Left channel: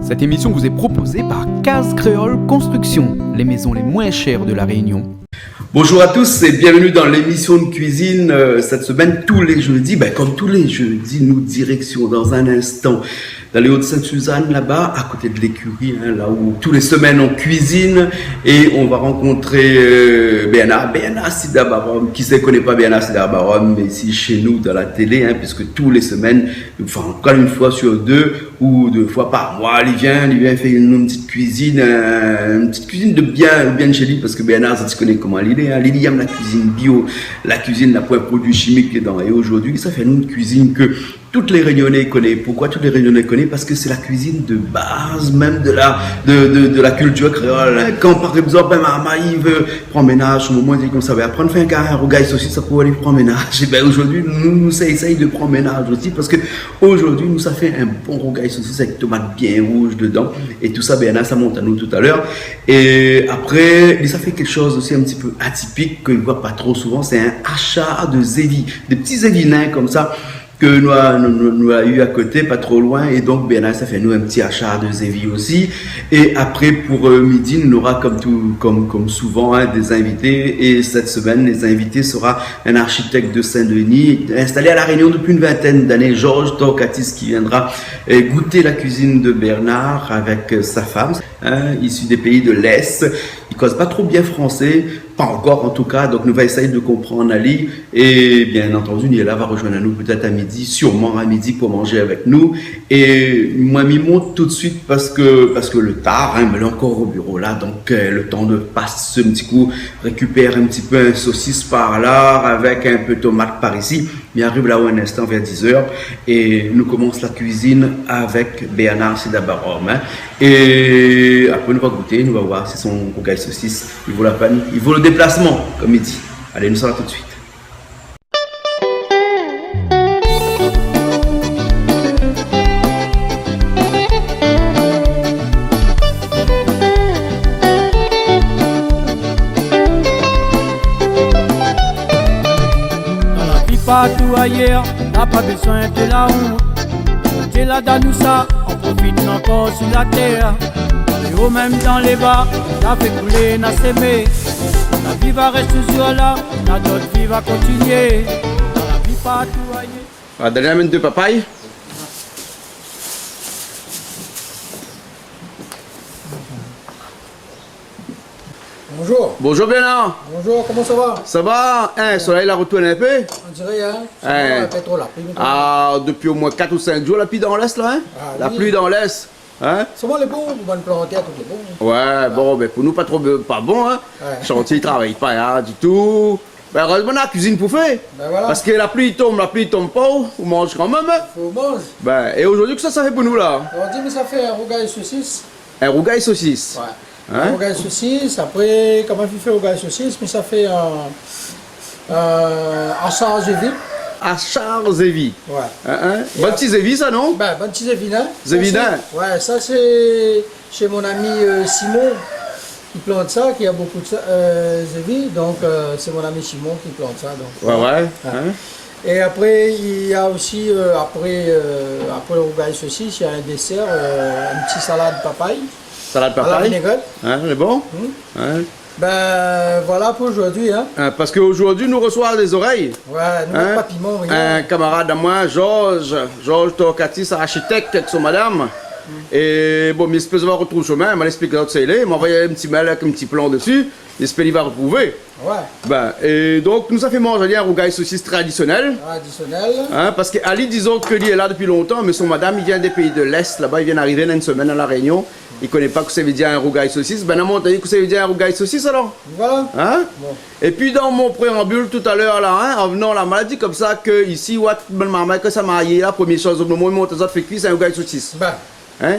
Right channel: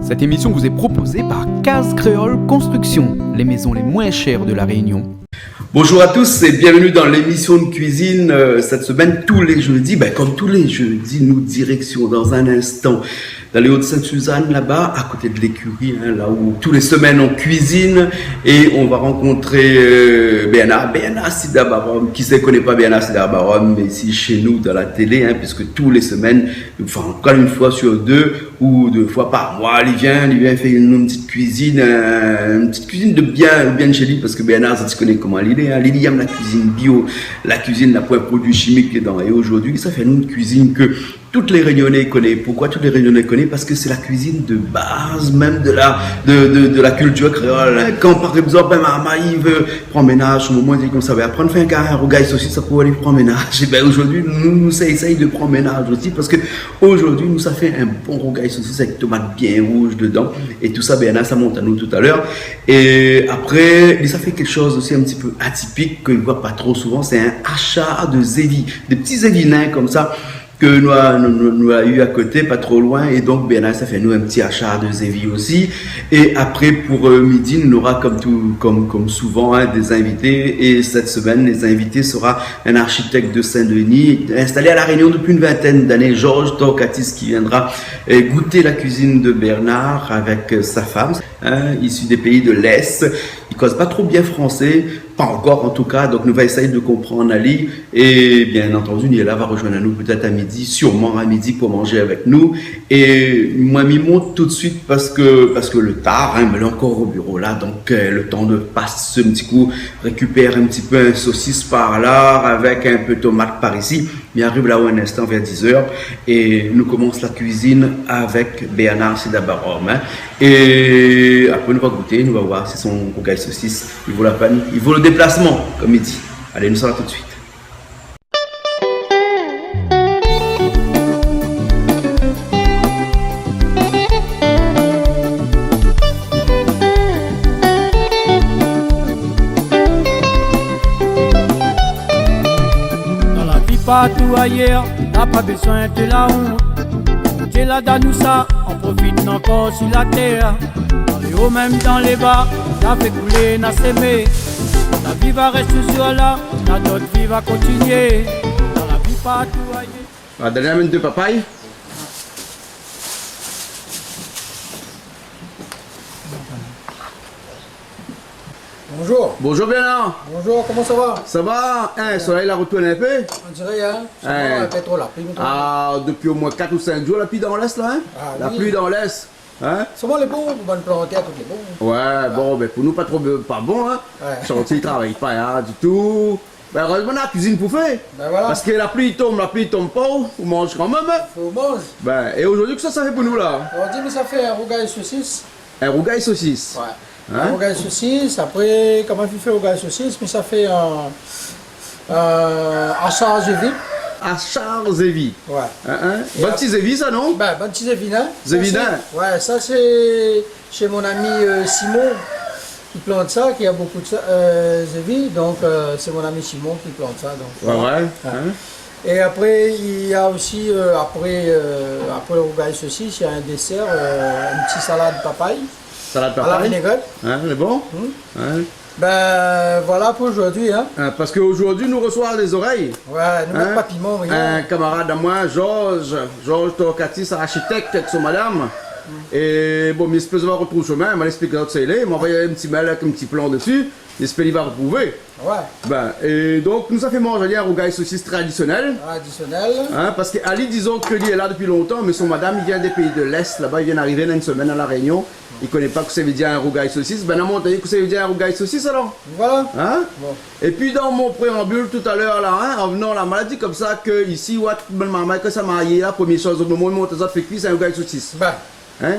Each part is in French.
Cette émission vous est proposée par Case Créole Construction, les maisons les moins chères de la Réunion. Bonjour à tous et bienvenue dans l'émission de cuisine cette semaine tous les jeudis. Comme tous les jeudis, nous direction dans un instant dans les Hauts-de-Sainte-Suzanne, là-bas, à côté de l'écurie, là où tous les semaines on cuisine et on va rencontrer Bernard Sidabarom. Qui ne connaît pas Bernard Sidabarom, mais ici chez nous dans la télé, puisque tous les semaines, enfin encore une fois sur deux ou 2 fois par mois, il vient faire une petite cuisine de bien chez lui, parce que Bernard, tu connais comment il est, il aime la cuisine bio, la cuisine n'a pas un produit chimique dedans. Et aujourd'hui, ça fait une cuisine que toutes les Réunionnais connaissent. Pourquoi toutes les Réunionnais connaissent? Parce que c'est la cuisine de base même de la culture créole. Quand par exemple maman il veut prendre ménage, au moment où il dit comme ça, apprendre à faire un rougail saucisse, ça pour aller prendre ménage. Et aujourd'hui nous essayons de prendre ménage aussi, parce que aujourd'hui nous ça fait un bon rougail saucisse avec tomates bien rouges dedans et tout ça. Ça monte à nous tout à l'heure. Et après ça fait quelque chose aussi un petit peu atypique que ne voit pas trop souvent, c'est un achat de zévi, des petits zévinins comme ça que nous a eu à côté, pas trop loin, et donc ça fait nous un petit achat de zévi aussi. Et après pour midi, nous aura comme souvent des invités, et cette semaine les invités sera un architecte de Saint-Denis installé à La Réunion depuis une vingtaine d'années, Georges Torcatis, qui viendra goûter la cuisine de Bernard avec sa femme, issu des pays de l'Est. Il cause pas trop bien français, pas encore en tout cas, donc nous va essayer de comprendre Ali, et bien entendu Niela va rejoindre nous peut-être à midi, sûrement à midi pour manger avec nous. Et moi m'y monte tout de suite parce que le tard, mais là encore au bureau là, donc le temps de passer un petit coup, récupère un petit peu un saucisse par là avec un peu de tomate par ici, mais arrive là où un instant vers 10h et nous commence la cuisine avec Bernard Sidabarom, et après nous va goûter, nous va voir si son rougail saucisse il vaut la peine, il vaut le déplacement comme il dit. Allez, nous sommes là tout de suite. Dans la vie partout ailleurs, n'a pas besoin de la honte. Dieu l'a donné ça, on profite encore sur la terre. Dans les hauts, même dans les bas, n'a fait couler, n'a s'aimer. La vie va rester sur là, notre vie va continuer. Dans la vie partout ailleurs. Dernière minute de papaye. Bonjour. Bonjour Bernard. Bonjour, comment ça va? Ça va? Le soleil a retourné un peu? On dirait, ça va, un peu trop la pluie maintenant. Depuis au moins 4 ou 5 jours, la pluie dans l'Est là, La pluie dans l'Est. Comment les bons, vous bonnes planter à toutes les bons? Ouais, bon, pour nous, pas bon, Ouais. Chantier, il travaille pas, du tout. Heureusement, la cuisine pour faire. Voilà. Parce que la pluie tombe pas, on mange quand même. Faut manger. Et aujourd'hui, que ça fait pour nous là? On dit, mais ça fait un rougail saucisse. Un rougail saucisse. Ouais. Un rougail saucisse, après, comment il fait rougail saucisse? Mais ça fait un achat zévi. Achar Zévi. Ouais. Bon petit Zévi, ça, non? Bon petit zévinin. Zévinin. Ouais, ça c'est chez mon ami Simon qui plante ça, qui a beaucoup de zévi. Donc c'est mon ami Simon qui plante ça. Donc, Et après, il y a aussi, après le rougail saucisse, il y a un dessert, une petite salade papaye. Salade À la papaye. vinaigrette. C'est bon? Voilà pour aujourd'hui. Parce qu'aujourd'hui, nous recevons les oreilles. Ouais, nous mettons pas piment, rien. Un camarade à moi, Georges Torcatis, architecte avec son madame. Et bon, mais espèce de retrouver le chemin, il m'a expliqué que c'est là, il m'a envoyé un petit mail avec un petit plan dessus. J'espère qu'il va retrouver. Ouais. Et donc, nous a fait manger un rougail saucisse traditionnel. Traditionnel. Parce qu'Ali, disons que lui est là depuis longtemps, mais son madame, il vient des pays de l'Est, là-bas, il vient d'arriver dans une semaine à La Réunion. Il ne connaît pas que ça veut dire un rougail saucisse. On m'a dit que ça veut dire un rougail saucisse alors. Voilà. Bon. Et puis dans mon préambule tout à l'heure là, en venant la maladie comme ça que ici, maman que ça m'a arrivé la première chose au moment où mon tesor fait cuire, c'est un rougail saucisse.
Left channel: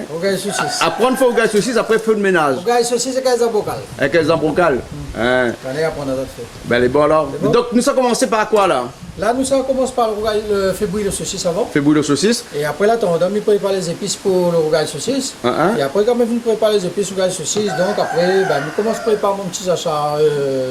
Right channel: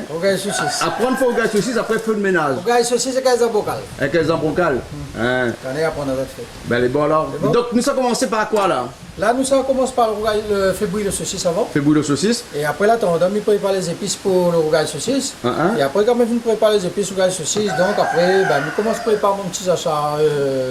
Rougail saucisse. Apprendre à faire rougail saucisse après feu de ménage. Rougail saucisse et 15 bocal. Avec les embroncales. Quand on apprend notre fait. Les bons alors. Bon. Donc nous ça commencé par quoi là? Là, nous, ça commence par le fait bouillir le saucisse avant. Fait bouillir le saucisse. Et après, là, on doit préparer les épices pour le rougail saucisse. Et après, quand on prépare les épices rougail saucisse, donc après, nous commençons à préparer mon petit achat,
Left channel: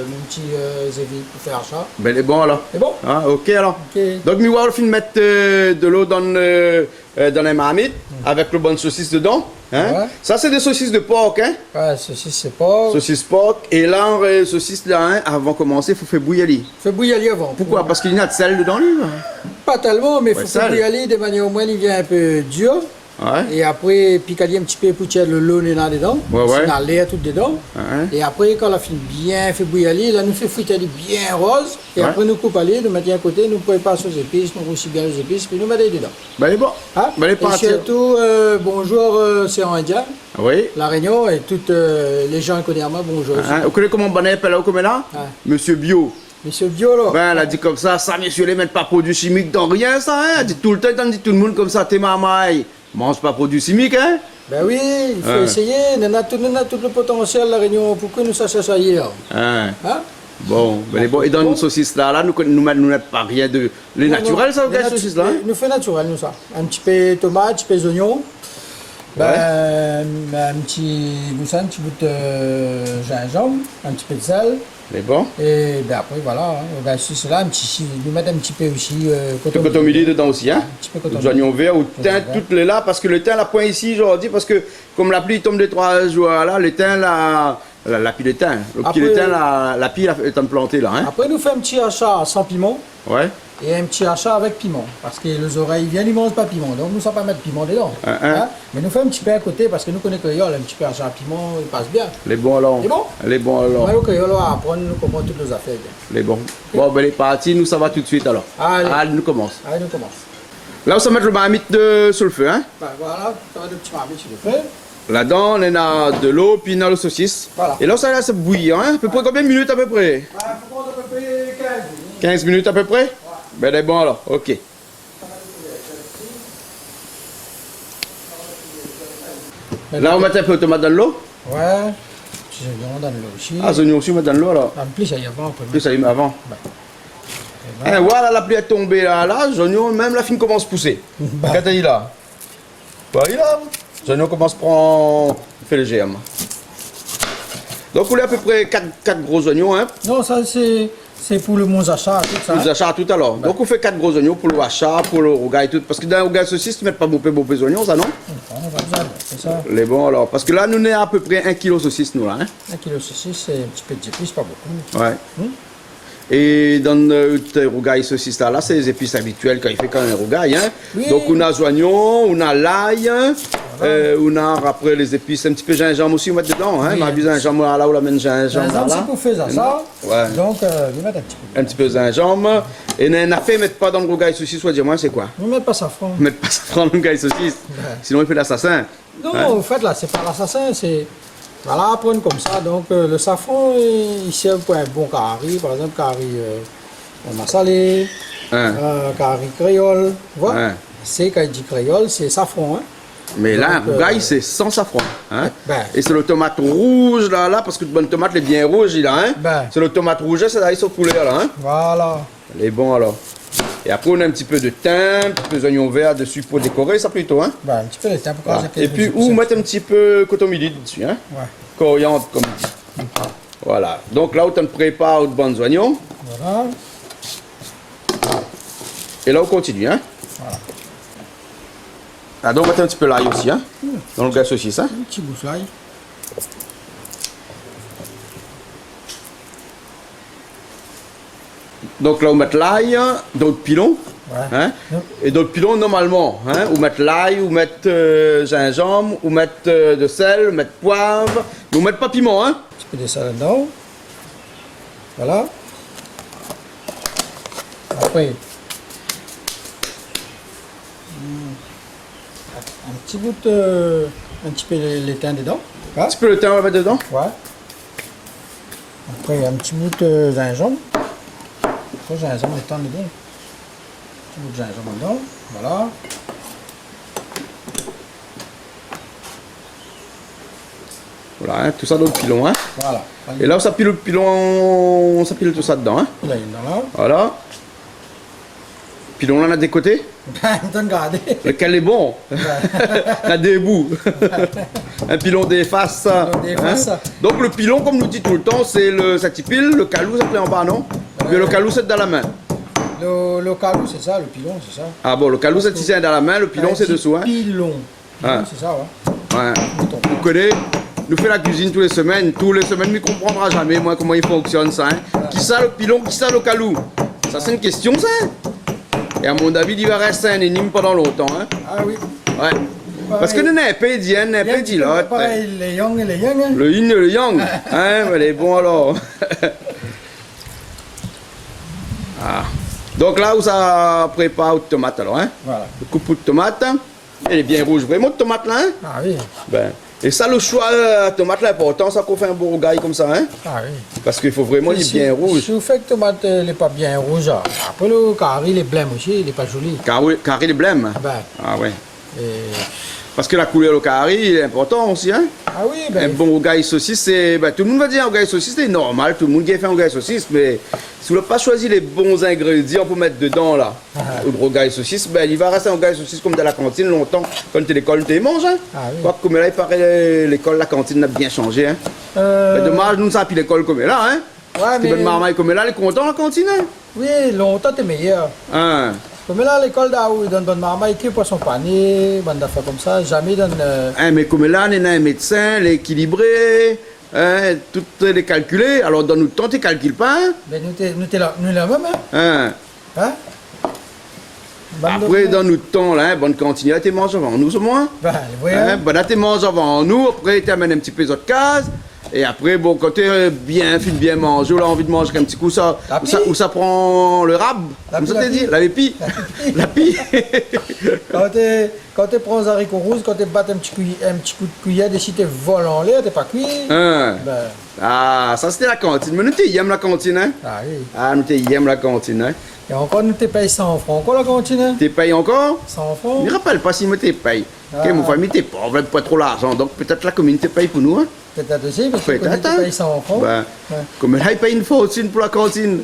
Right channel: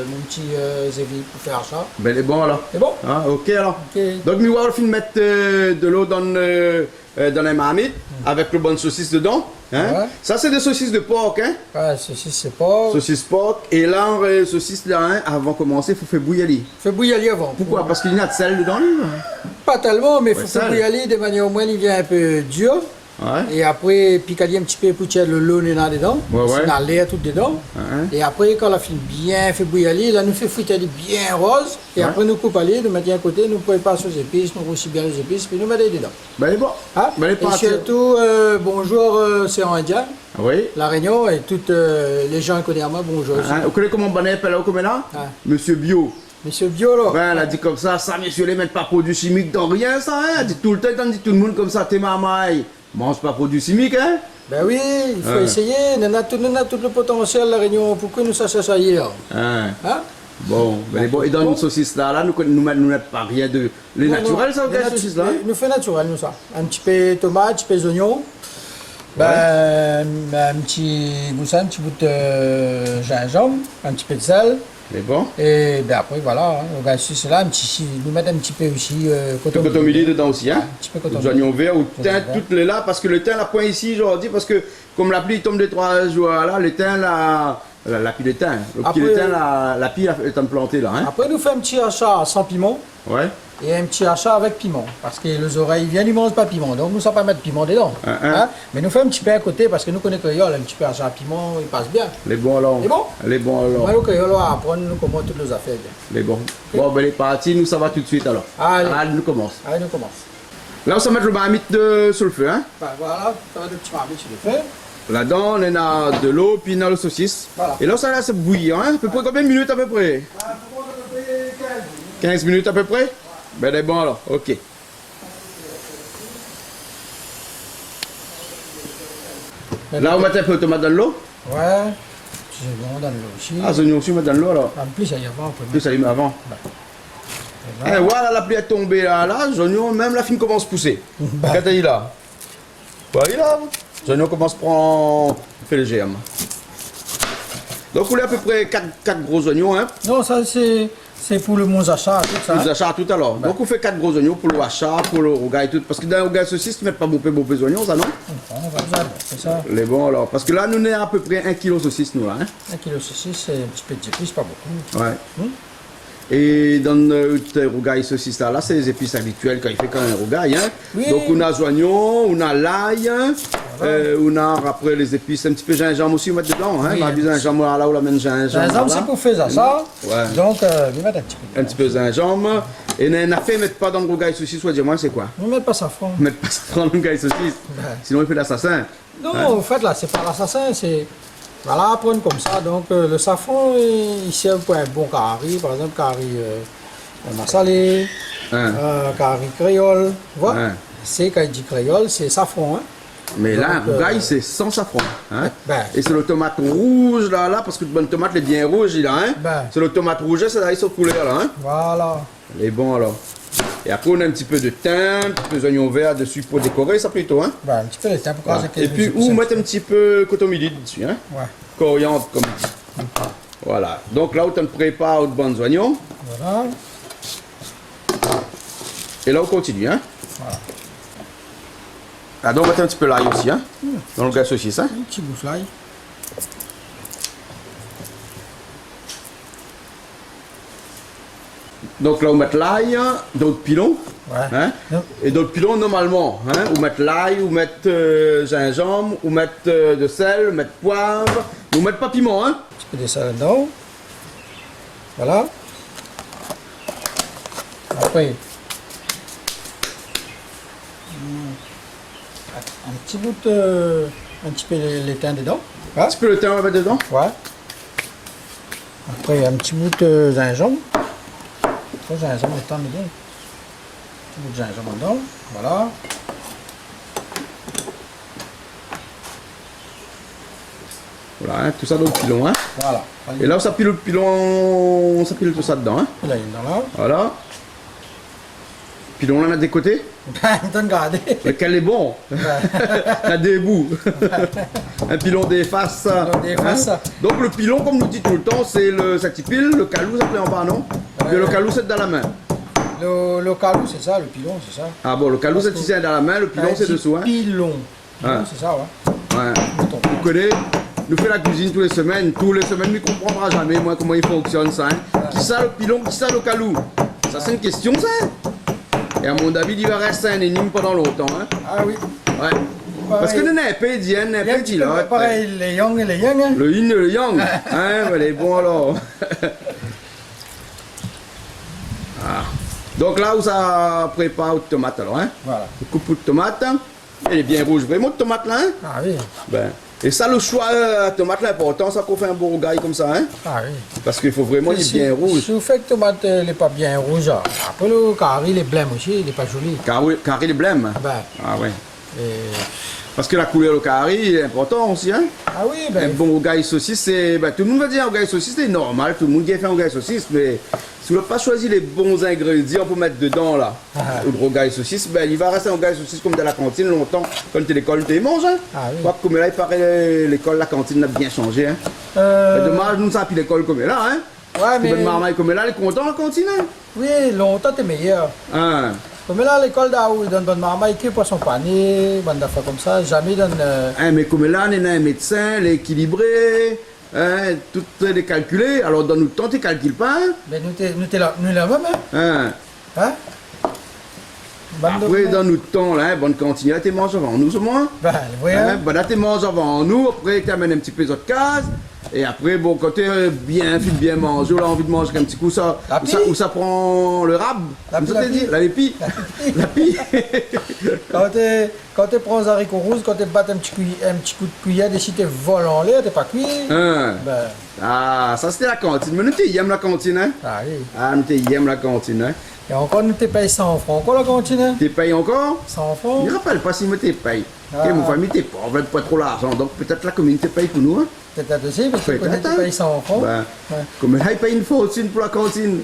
mon petit zévi pour faire achat. Les bons alors. C'est bon? Ok alors. Okay. Donc, nous allons mettre de l'eau dans les marmites avec le bon saucisse dedans. Hein? Ouais. Ça, c'est des saucisses de porc. Hein? Ouais, saucisse, c'est pas. Saucisses porc. Et là, saucisses là, hein, avant de commencer, il faut faire bouillir. Fais bouillir avant. Pourquoi? Parce qu'il y a de sel dedans, lui. Pas tellement, mais il Ouais, faut sale. faire bouillir de manière au moins il vient un peu dur. Ouais. Et après, piquer un petit peu pour tirer le lot dedans. Ouais, ouais. C'est l'air tout dedans. Ouais. Et après, quand la fine bien fait bouillir, là, nous fait friter bien rose. Et Ouais. après, nous coupons nous mettons à côté, nous préparons aux épices, nous roussit bien les épices, puis nous mettons dedans. Ben, elle est bon. Hein? Ben, elle est Et partie. surtout, bonjour, c'est en indien. Oui. La Réunion et toutes les gens connaissent moi, bonjour. Hein, vous connaissez comment on appelle là, comme là? Ouais. Monsieur Bio. Monsieur Biolo. Ben, elle a dit comme ça, messieurs, les mettent pas produits chimiques dans rien, ça, hein? Elle dit tout le temps, elle dit tout le monde comme ça, t'es mamaille. Mange pas produits chimiques, hein? Ben oui, il faut Ouais. essayer. Nous avons tout le potentiel de la Réunion. Pourquoi nous ça hier? Hein? Hein? Bon, ben, bon. Et dans Bon. une saucisse là, nous mettons pas rien de. Les Non, naturels, non, ça, les la saucisse là? Nous fait naturel, nous ça. Un petit peu de tomate, un petit peu d'oignon. Ben, un petit bout de gingembre, un petit peu de sel. Mais bon. Et ben après, voilà, on va sur cela, nous mettre un petit peu aussi Le coton midi dedans aussi, hein? Un petit peu coton Des oignons verts ou Coton thym, vert. toutes les là, parce que le thym, la point ici, aujourd'hui, parce que comme la pluie tombe des 3 jours là, le thym, la pile de thym, le petit Après- de thym, la pile est implantée là, hein? Après, nous fait un petit achat sans piment Ouais. et un petit achat avec piment. Parce que les oreilles viennent, ils ne mangent pas piment. Donc, nous ne savons pas mettre piment dedans. Hein? Mais nous fait un petit peu à côté parce que nous connaissons créole, un petit peu achat à piment, il passe bien. Les bons alors. Les bons? Les bons alors. Moi, le créole, on va apprendre nous comment toutes nos affaires. bien. Les bons. Bon, ben, les parties, nous, ça va tout de suite alors. Allez. nous commence. Allez, nous commençons. Là, on va mettre le marmite sur le feu, hein? Ben, voilà, ça va de petits marmites sur le feu. Là-dedans, on a de l'eau, puis on a le saucisse. Voilà. Et là, ça laisse bouillir, hein? À peu près combien de minutes à peu près? Il faut prendre à peu près 15 minutes. 15 minutes à peu près? Ben, c'est bon alors, ok. Là, on met un peu de tomate dans l'eau. Ouais, petits oignons dans l'eau aussi. Ah, les oignons aussi, on met dans l'eau alors. En plus, ça y avant, on peut Plus ça y met avant. mettre. Et voilà, la pluie est tombée là, les oignons, même la fine commence à pousser. Bah. Quand il là. Voilà, là. Les oignons commencent à prendre. Fait le germe. Donc, on a à peu près 4 gros oignons, hein. Non, ça c'est pour le monzacha, tout ça. Nous achat tout à l'heure. Donc, on fait 4 gros oignons pour le achat, pour le rougail et tout. Parce que dans le rougail saucisse, tu ne mets pas beaucoup d'oignons, ça non? On va besoin, c'est ça. Les bons alors. Parce que là, nous, on est à peu près 1 kg de saucisse, nous, là. Hein? 1 kg de saucisse, c'est un petit peu d'épices, pas beaucoup. Ouais. Et dans le rougail saucisse là, c'est les épices habituelles quand il fait quand même un rougail. Hein? Oui. Donc on a les oignons, on a l'ail, on a après les épices, un petit peu de gingembre aussi, on met dedans. Hein? Oui. On a du gingembre là, on la met du gingembre. Gingembre, là. c'est pour faire ça. Ouais. Donc, nous mettre un petit peu. Un petit peu de gingembre. Et on a fait mettre pas dans le rougail saucisse, soit dire-moi c'est quoi? Nous mettre pas safran. Mettre pas ça dans le rougail saucisse. Sinon il fait l'assassin. Non, en fait, là, c'est pas l'assassin, c'est. Voilà, prendre comme ça. Donc, le safran, il sert pour un bon curry, par exemple, curry massalé, Hein? curry créole. Tu vois? Ouais. C'est, quand il dit créole, c'est safran. Hein? Mais là, un Donc, rougail, c'est sans safran. Hein? Ben. Et c'est le tomate rouge là, parce que le bonne tomate elle est bien rouge là. Hein? Ben. C'est le tomate rouge, c'est là, ils sont coulés là. Hein? Voilà. Elle est bon alors. Et après on a un petit peu de thym, un petit peu d'oignon vert dessus pour décorer ça plutôt. Hein? Ben, un petit peu de temps pour Voilà. casser Et puis ou mettre un petit peu coton midi dessus. Hein? Ouais. Coriandre comme dit. Voilà. Donc là où on prépare de bons oignons. Voilà. Et là on continue. Hein? Voilà. Ah, donc on met un petit peu l'ail aussi. Hein? Dans le gaz saucisse. Hein? Un petit bout de l'ail. Donc là on met l'ail, d'autres pilons. Ouais. Hein? Non. Et d'autres pilons normalement, hein? Ou mettre l'ail, ou mettre gingembre, ou mettre de sel, ou mettre poivre, ou mettre pas piment, hein? Un petit peu de sel dedans. Voilà. Après, un petit bout de. Un petit peu l'étain dedans. Un petit peu le thym on va mettre dedans. Ouais. Après, un petit bout de gingembre. Pas gingembre, l'étain dedans. Un petit bout de gingembre dedans. Voilà. Voilà, hein, tout ça dans le pilon, hein. Voilà. Et là, ça pile le pilon, ça pile tout ça dedans, hein. Là, il est dans là. Voilà. Pilon là, on a des côtés. Ben, t'as regardé. Lequel est bon? On a des bouts. Un pilon des faces. Pilon des faces. Donc le pilon, comme nous dit tout le temps, c'est ça qui pile, le calou, ça plaît en bas, non? Ouais. Mais le calou, c'est dans la main. Le calou, c'est ça, le pilon, c'est ça. Ah bon, le calou, c'est ici dans la main, le pilon, c'est dessous, hein. Pilon. Pilon, Ah. c'est ça, ouais. Ouais. Vous connaissez, nous fait la cuisine tous les semaines, nous ne comprendra jamais moi comment il fonctionne ça. Hein. Qui ça le pilon, qui ça le calou? Ça c'est une question ça. Et à mon avis, il va rester un énigme pendant longtemps. Hein. Ah oui. Ouais. Parce que nous n'avons pas dit, nous n'avons pas dit là. Pareil, les yang et les yang. Hein. Le yin et le yang. Hein, elle est bon alors. Ah. Donc là où ça prépare de tomate alors. Hein. Voilà. Le coupe de tomate. Elle est bien rouge, vraiment de tomate là. Hein. Ah oui. Ben. Et ça, le choix de tomate là, important, ça qu'on fait un beau rogaille comme ça. Hein. Ah oui. Parce qu'il faut vraiment qu'il est bien rouge. Si vous faites que tomate n'est pas bien rouge, après le carré, il est blême aussi, il n'est pas joli. Carré de blême. Ah ben. Ah ouais. Et... Parce que la couleur du carré est important aussi. Hein. Ah oui, ben. Un bon rogaille saucisse, c'est. Ben, tout le monde va dire rogaille saucisse, c'est normal, tout le monde qui a fait un rogaille saucisse, mais si vous n'avez pas choisi les bons ingrédients pour mettre dedans là, le rogaille saucisse, ben il va rester un rogaille saucisse comme dans la cantine longtemps. Quand tu es à l'école, tu manges. Hein. Ah oui. Quoi, comme là, il paraît l'école, la cantine a bien changé. Hein. Mais dommage, nous ne savons plus l'école comme là. Hein. Ouais, mais. Bonne marmaille comme là, elle est contente la cantine. Hein. Oui, longtemps t'es meilleur. Hein. Comme là, à l'école d'Aou, ils donnent bonne marmaille, qui poisson pané, bonne affaire comme ça, jamais ils donnent. Hein, mais comme là, on a un médecin, l'équilibré, hein, tout est calculé, alors dans notre temps, tu ne calcules pas. Hein. Mais nous t'es là même, hein? Hein. Hein? Après, dans notre temps, là, bonne cantine, là, tu manges avant nous, au moins. Ben, oui, hein? Ben, là, tu manges avant nous, après, tu amènes un petit peu les autres cases. Et après, bon, quand tu es bien mangé, on a envie de manger un petit coup, ça, où ça prend le rab. La pie. La pie. La pie. Quand tu prends un haricot rouge, quand tu battes un petit coup de cuillère, et si tu voles en l'air, tu pas cuit. Hein. Ben. Ah, ça c'était la cantine. Mais nous, tu aimes la cantine, hein? Ah oui. Ah, nous, tu aimes la cantine, hein? Et encore, nous, tu payes 100 francs, quoi, la cantine, hein? Tu payes encore? 100 francs? Je ne rappelle pas si moi tu payes. Ah. Mon famille, tu pauvre, pas trop l'argent. Donc peut-être la commune te paye pour nous, hein? Peut-être à deuxième, parce que Peut-être, tu payes 100 francs. Ben, Ouais. comme là, il paye une fortune pour la cantine.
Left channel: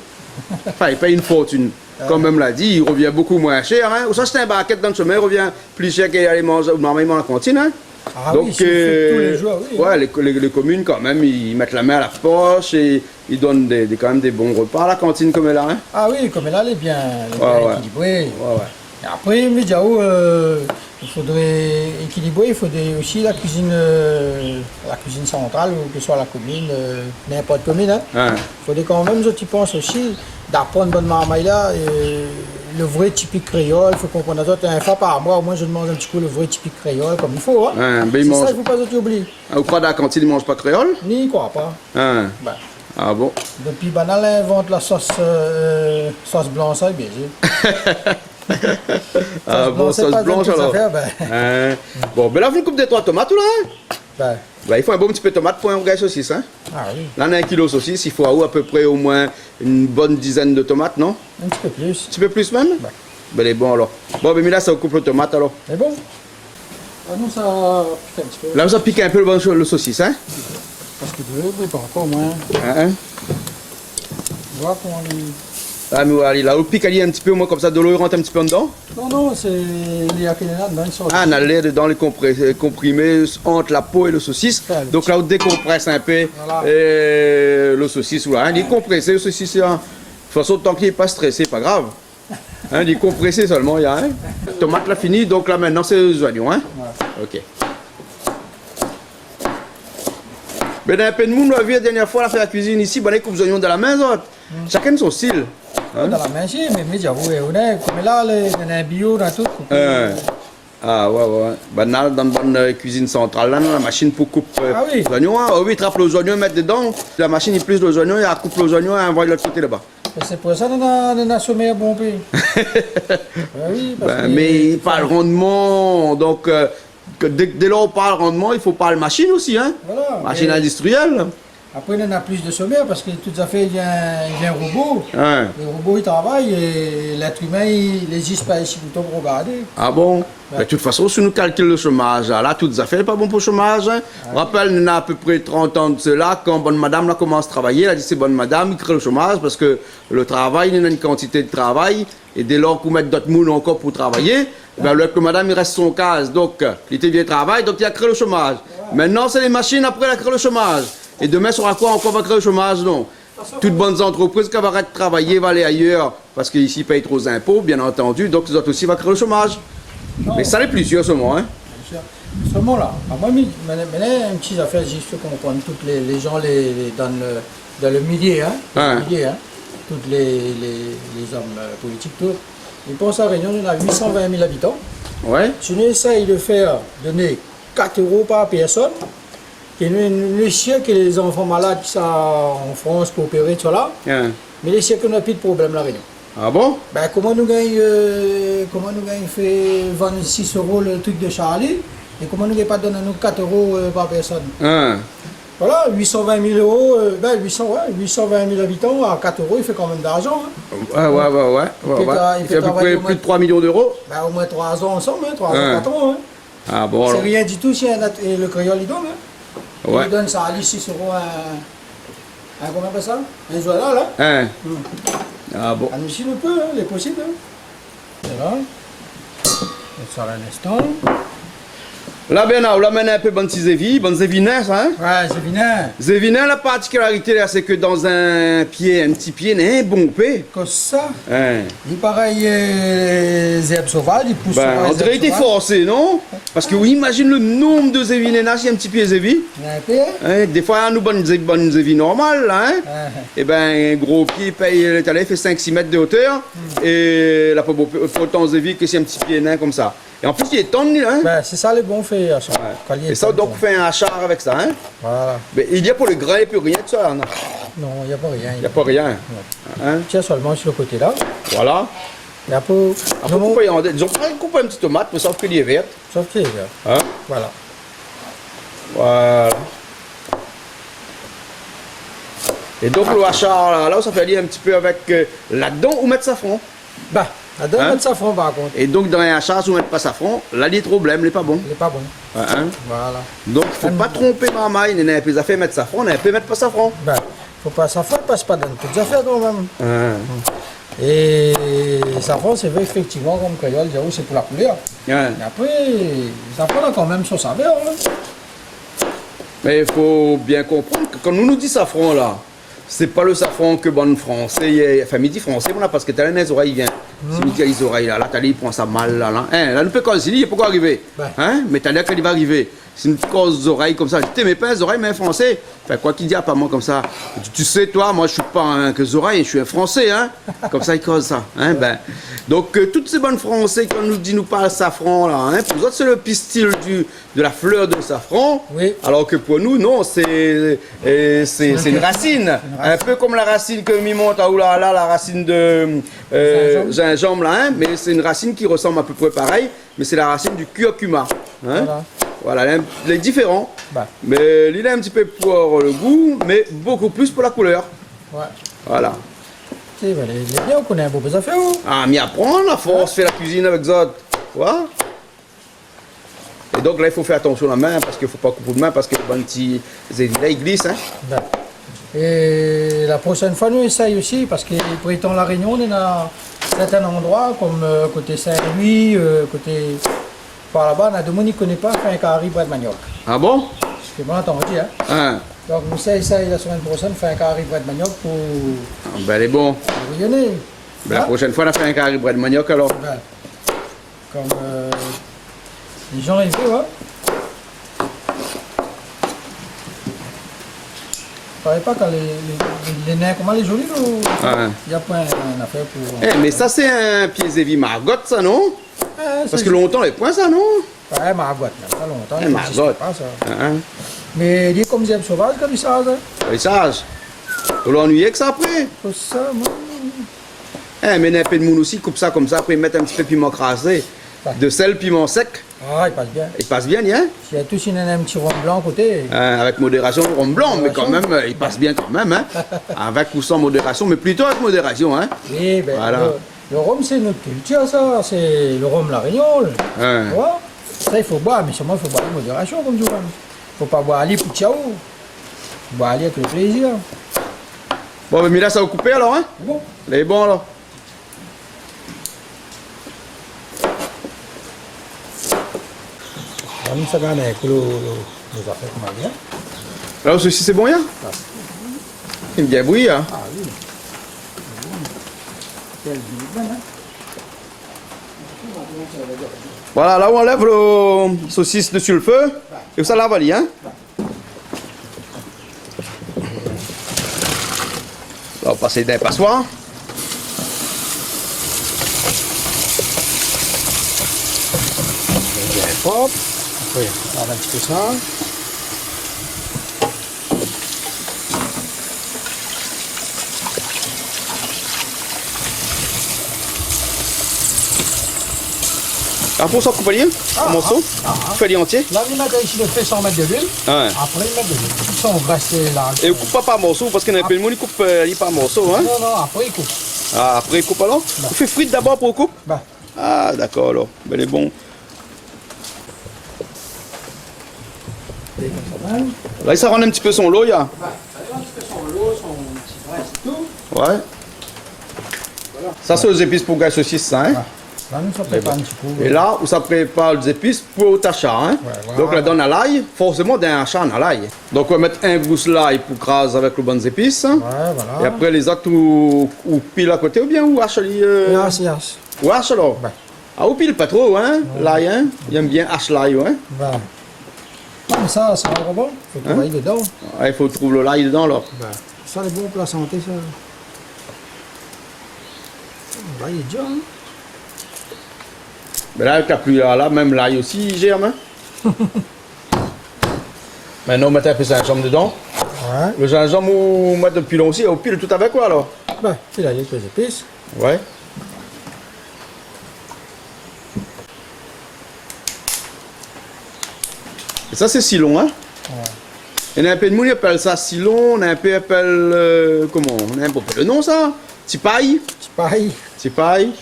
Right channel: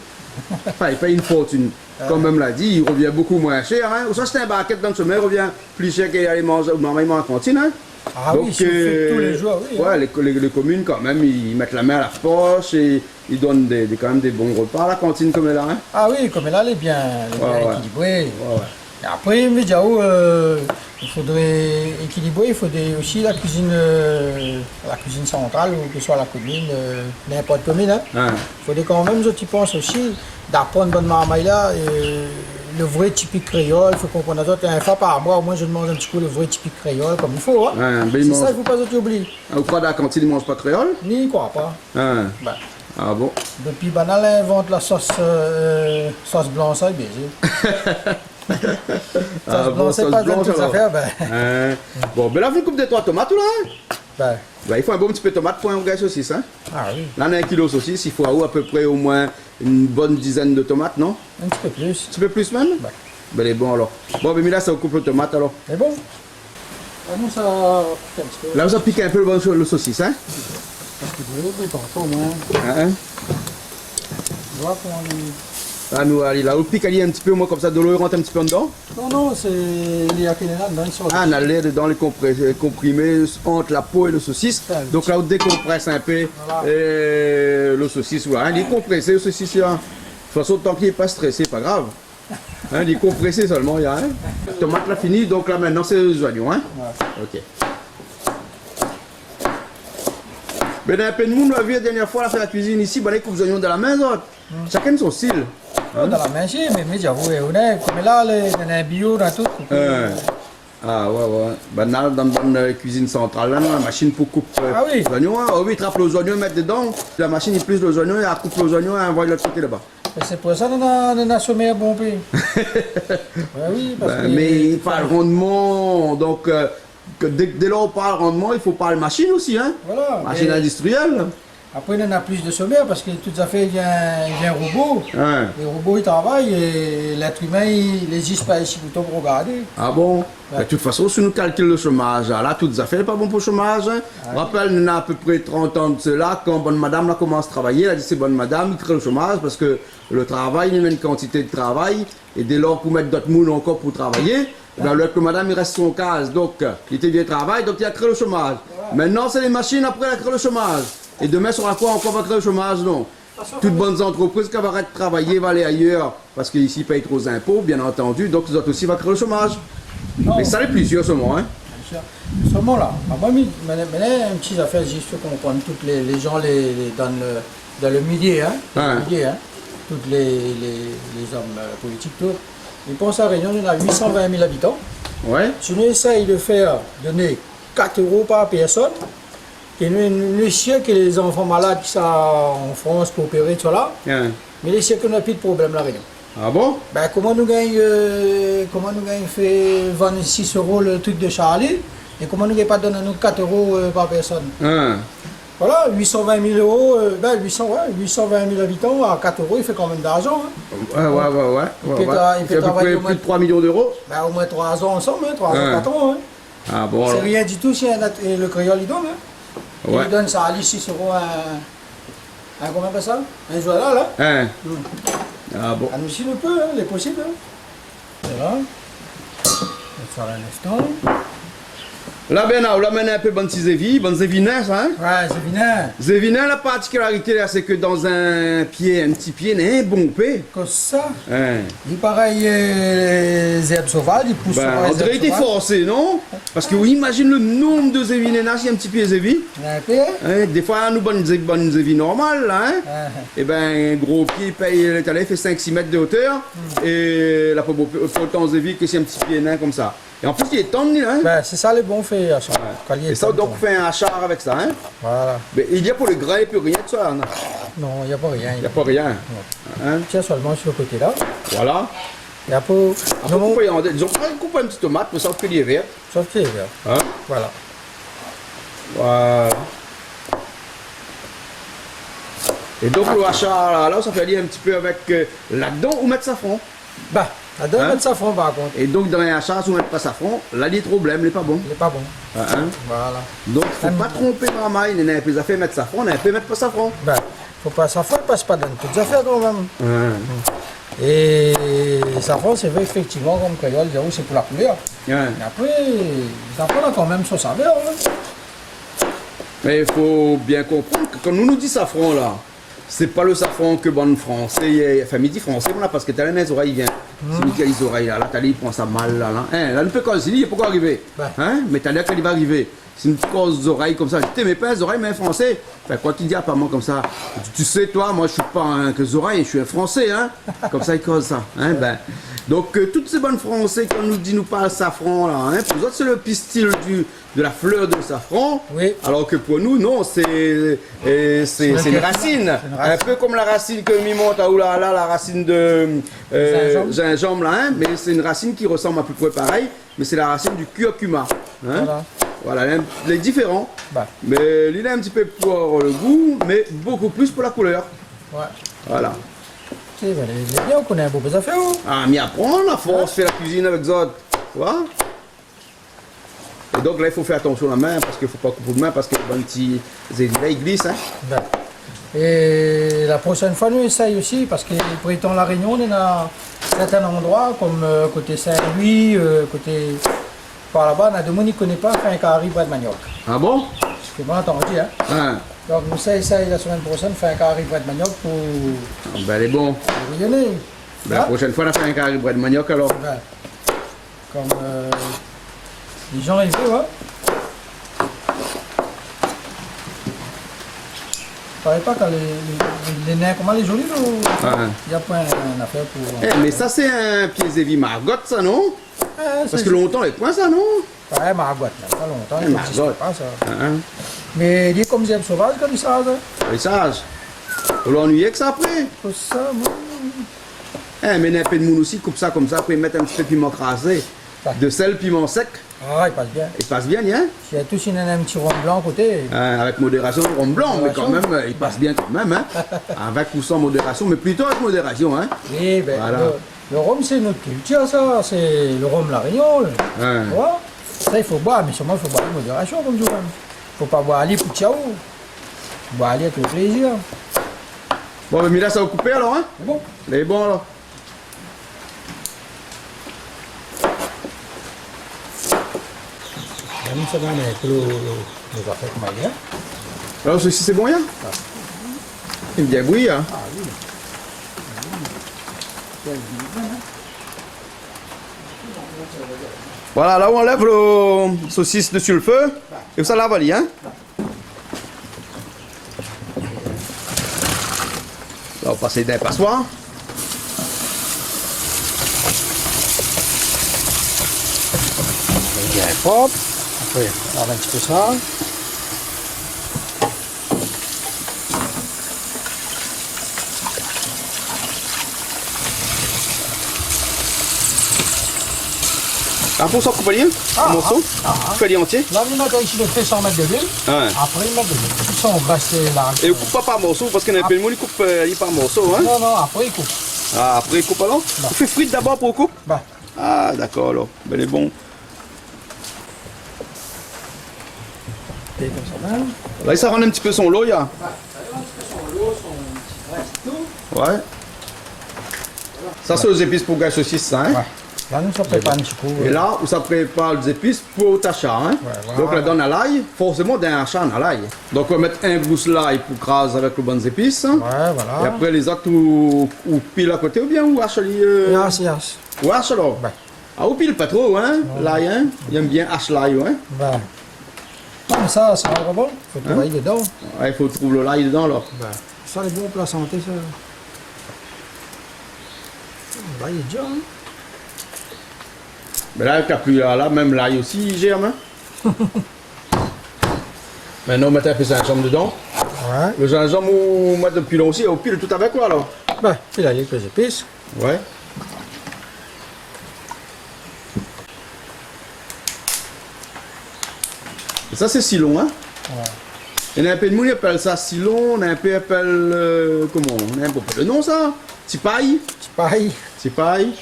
Enfin, il paye une fortune. Comme même l'a dit, il revient beaucoup moins cher. Hein. Ou ça, c'est un baquette dans le sommet, il revient plus cher qu'aller manger normalement à la cantine. Hein. Ah donc, oui, si vous faites tous les jours, oui. Ouais, les communes, quand même, ils mettent la main à la poche et ils donnent quand même des bons repas à la cantine comme elle a. Hein. Ah oui, comme là, elle est bien équilibrée. Ouais. Et après, mais il faudrait équilibrer, il faudrait aussi la cuisine centrale, ou que ce soit la commune, n'importe commune. Hein. Ouais. Il faudrait quand même, je pense aussi, d'apprendre bonne marmaille là, le vrai typique créole, il faut comprendre ça. Un fois par mois, au moins je demande un petit coup le vrai typique créole, comme il faut. Hein. Ouais, ben, c'est ça, il ne faut pas oublier. Au croix de la cantine, ils ne mangent pas créole? Ni quoi pas. Ouais. Ben. Ah bon? Depuis banal invente la sauce blanche, ça est bien. Sauce blanche alors. Affaires, ben. Bon, ben là, vous coupez des 3 tomates ou là? Ben. Ben, il faut un bon petit peu de tomate pour un rogaille saucisse. Hein? Ah oui. Là, on a 1 kilo de saucisse, il faut à peu près au moins une bonne dizaine de tomates, non? Un petit peu plus. Un petit peu plus même? Ben. Ben, elle est bon alors. Bon, ben, mais là, ça coupe le tomate alors. C'est bon? Ah non, ça pique un petit peu. Là, ça pique un peu le saucisse, hein? Parce que de l'autre, pas au moins. Hein? On voit comment il... Ah, mais allez, là, le pique, il y a un petit peu, au moins comme ça, de l'eau, il rentre un petit peu dedans. Non, c'est les là dedans, ils sont... Ah, on a l'air dedans, les comprimés entre la peau et le saucisse. Ah, donc là, on décompresse un peu voilà. le saucisse. Ouais, hein, il est compressé, le saucisse. Hein. De toute façon, tant qu'il n'est pas stressé, pas grave. Hein, il est compressé seulement, il y a. Hein. Tomate, là, fini. Donc là, maintenant, c'est les oignons. Hein. Ouais. Ok. Mais dans un peu de monde, on a vu la dernière fois, on a fait la cuisine ici, on a coupe les oignons dans la main, chacun son style. Hein? Dans la main, si, mais j'avoue, on est comme là, on a un bio dans tout. Ah ouais. Ben là, dans une cuisine centrale, là, la machine pour couper les oignons. Hein. Oh oui, il trappe les oignons, mettre dedans. La machine, il plisse les oignons, il coupe les oignons et envoie de l'autre côté là-bas. C'est pour ça qu'on a sommé à bon pays. Oui, parce que... Mais il parle rendement, donc dès lors on parle rendement, il faut parler machine aussi, hein. Voilà. Machine industrielle. Après, on en a plus de sommaire parce que tout à fait, il y a un robot. Ouais. Les robots, ils travaillent et l'être humain, il n'existe pas ici plutôt pour regarder. Ah bon? Ouais. De toute façon, si nous calculons le chômage, là, tout à fait pas bon pour le chômage. Hein. Ouais. Rappelle, on a à peu près 30 ans de cela, quand bonne madame là, commence à travailler, elle a dit c'est bonne madame, il crée le chômage parce que le travail, il y a une quantité de travail, et dès lors qu'on met d'autres moules encore pour travailler, ben, le madame, il reste son case, donc il était bien travail, donc il a créé le chômage. Ouais. Maintenant, c'est les machines, après, elle a créé le chômage. Et demain, sur quoi encore va créer le chômage? Non. Toutes bonnes entreprises qui vont arrêter de travailler vont aller ailleurs parce qu'ici ils payent trop d'impôts, bien entendu, donc ils autres aussi vont créer le chômage. Oh. Mais ça n'est plus sûr, ce moment. Hein. Seulement là. Moi, maintenant, une petite affaire juste pour comprendre. Tous les gens dans le milieu, hein. Ouais. Le milieu, hein. Tous les hommes politiques, tout. Ils pensent à Réunion, il y en a 820 000 habitants. Ouais. Si nous essayons de faire donner 4 € par personne, et nous essayons que les enfants malades qui sont en France pour opérer, tout là, Ouais. mais les essayons qu'on n'a plus de problème la Réunion. Ah bon? Ben, comment nous gagnons fait 26 € le truc de Charlie, et comment nous gagnons pas donner nous 4 € par personne. Hein. Voilà, 820 000 €, 820 000 habitants, à 4 € il fait quand même d'argent. Hein. Ouais. Il peut Il fait à peu travailler près au moins- plus de 3 millions d'euros. Ben, au moins 3 ans ensemble, hein, 3 ans, Ouais. 4 ans. Hein. Ah bon, C'est alors. rien du tout si et le créole il donne. Hein. Ouais. Il donne ça à 6 € un combien de ça? Un journal là. Hein. Ah bon. Ah, nous si nous peut, hein, il est possible. Hein. C'est là. On ça un instant. Là, ben, là, maintenant un peu bonne zévinin, ça, hein? Ouais, c'est bien. Zévinin, la particularité, là, c'est que dans un petit pied, n'est un bon paix. Comme ça. Hein. Il pareil, les herbes sauvages, ils poussent sur Ben, on les dirait herbes qu'il était sauvages. forcé, non? Parce que, oui, imagine le nombre de zévinins là, s'il y a un petit pied zévi. Il y a un peu, hein. Hein, des fois, nous, bonne zévi normale, là, hein? Ah, Et ben, un gros pied paye l'étalé, fait 5-6 mètres de hauteur. Et là, pas autant zévi que si un petit pied nain comme ça. Et en plus, il est tendu, hein? ben, c'est ça les bons faits. À ça. Quand il est Et ça, temps, donc, on fait un hachard avec ça, hein? Voilà. Mais il y a pour le grain et puis rien de ça, hein? Non, il n'y a pas rien. Il n'y a pas rien. Hein? Tiens seulement sur le côté là. Voilà. Il y a pas. Après, ils ont coupé une petite tomate pour ça que les vertes. Sauf que, Hein? voilà. Voilà. Et donc, le hachard, là, ça fait aller un petit peu avec là-dedans ou mettre safran. Bah, la donne Hein? de safran par contre. Et donc, dans un hachard, si on met pas safran, là, il est trop blême, il n'est pas bon. Il n'est pas bon. Hein? Voilà. Donc, il ne faut pas tromper maman, il n'a pas fait mettre safran, on a fait mettre pas safran. Ben, faut pas safran, il passe pas dans toutes les affaires quand même. Et safran, c'est vrai effectivement comme créole, c'est pour la couleur. Ouais. Mais après, safran a quand même son saveur. Hein. Mais il faut bien comprendre que quand nous dit safran là, c'est pas le safran que bon français, enfin midi français, voilà, parce que t'as les oreilles, il vient. C'est Mickey les oreilles là, t'as il prend ça mal là. Hein, là, ne peut pas il peut pas arriver. Ouais. Hein, mais t'as l'air qu'il va arriver. C'est une cause oreilles comme ça. Je t'aimais pas les oreilles, mais un français. Enfin, quoi qu'il dit, pas moi comme ça. Tu sais, toi, moi, je suis pas un que les oreilles, je suis un français, hein. Comme ça, il cause ça. Hein, ben. Donc, toutes ces bonnes français, quand nous parle safran, là, hein, pour nous autres, c'est le pistil de la fleur de safran. Oui. Alors que pour nous, non, c'est une racine. Un peu comme la racine que mi monte à Oulala, la racine de gingembre, là, hein, mais c'est une racine qui ressemble à peu près pareil, mais c'est la racine du curcuma. Hein. Voilà, il est différent, Bah. mais il est un petit peu pour le goût, mais beaucoup plus pour la couleur. Ouais. Voilà. C'est ben, les bien, on connaît un beau peu affaires. Hein. Ah, mais apprendre, la force, fait la cuisine avec ça. Tu vois? Et donc là, il faut faire attention à la main, parce qu'il ne faut pas couper de main, parce que les petits là, ils glissent. Hein. Ben. Et la prochaine fois, nous essayons aussi, parce que pour étant la Réunion, on est dans certains endroits, comme côté Saint-Louis, côté par là-bas, on a des gens qui ne connaissent pas faire un carré bras de manioc. Ah bon? Ce que moi, entendu, hein. Hein. Donc, nous essayons la semaine prochaine faire un carré bras de manioc pour Ah, ben, elle est bon. rayonner. Ben, la prochaine fois, on a fait un carré bras de manioc alors. Ben, comme les gens ils veulent, hein. Je ne savais pas quand les nains, comment les jolis, il Ah. n'y a pas une affaire pour. Eh, mais ça, c'est un pied zévi margotte, ça, non? Parce que longtemps, les points, ça, non? Ouais, margotte, ça fait longtemps, il n'existe margotte. pas ça. Hein? Mais il est comme des herbes sauvages, comme ça. Les sages. On l'ennuyer que ça après. Tout ça, moi. Eh, mais un peu de moune aussi, coupe ça comme ça, après mettre un petit peu de piment crasé. De sel, piment sec. Ah, il passe bien. Il passe bien, hein? S'il y a tous un petit rond blanc à côté. Avec modération, le rhum blanc, mais quand même, il passe bien quand même, hein? Avec ou sans modération, mais plutôt avec modération, hein? Oui, ben, Voilà. le rhum, c'est notre culture, ça. C'est le rhum La Réunion. Ouais. Tu vois? Ça, il faut boire, mais seulement, il faut boire avec modération, comme tout. Il ne faut pas boire aller pour ciao. Il faut boire aller avec le plaisir. Bon, mais là, ça va couper alors, hein? C'est bon. Il est bon alors. Comme ça, on est nos affaires comme ça. Alors, ceci, c'est bon, hein? Il me dit oui, hein? Ah oui. Voilà, là où on lève le saucisse dessus le feu, et ça l'avalie, hein. Là, on va passer d'un passoire. Bien propre. Après, on va un petit peu ça. Un morceau coupé, un morceau, coupé entier. Là, vous mettez ici le fait 100 mètres de l'huile. Ouais. Après, ils mettent de l'huile. Ils sont brassés là. Et vous coupez pas par morceau, parce qu'il y a un peu de monde qui coupe par morceau, hein. Non, après, ils coupent. Ah, après, il coupe alors. Non. Vous faites frites d'abord pour couper. Bah. Ah, d'accord, alors. Ben, il est bon. Et comme ça, même. Là, ça rend un petit peu son lot, il y a. Bah, ça y est, un petit peu son lot, son petit graisse et tout. Ouais. Ça, c'est aux épices pour gagner saucisse, ça, hein. Ouais. Là, nous, ça prépare un petit coup. Et là, où ça prépare les épices pour t'achat, hein. Ouais, voilà. Donc, là, donne à l'ail, forcément, d'un achat à l'ail. Donc, on va mettre un gousse l'ail pour craser avec les bonnes épices. Ouais, voilà. Et après, les autres, ou pile à côté, ou bien, ou hache Yes, yes. Ou hache alors. Ouais. Ah, ou pile pas trop, hein, l'ail, hein. Il aime bien hache l'ail, ouais. Ben. Non, mais ça va bon. Faut travailler dedans. Ouais, il faut trouver le l'ail dedans, alors. Ben. Ça, c'est bon pour la santé, ça. Là, il est déjà, hein. Mais là, t'as plus là, même l'ail aussi, il germe, hein. Maintenant, on met un peu de gingembre dedans. Ouais. Le gingembre, on met depuis long aussi, on pile tout avec quoi, alors. Ben, puis là, il y a quelques épices. Ouais. Et ça, c'est Silon, hein. Ouais. Il y en a un peu de monde qui appelle ça Silon, on a un peu appelle. Comment? On a un peu le nom, ça? Tipaille. C'est pareil. Tipaille.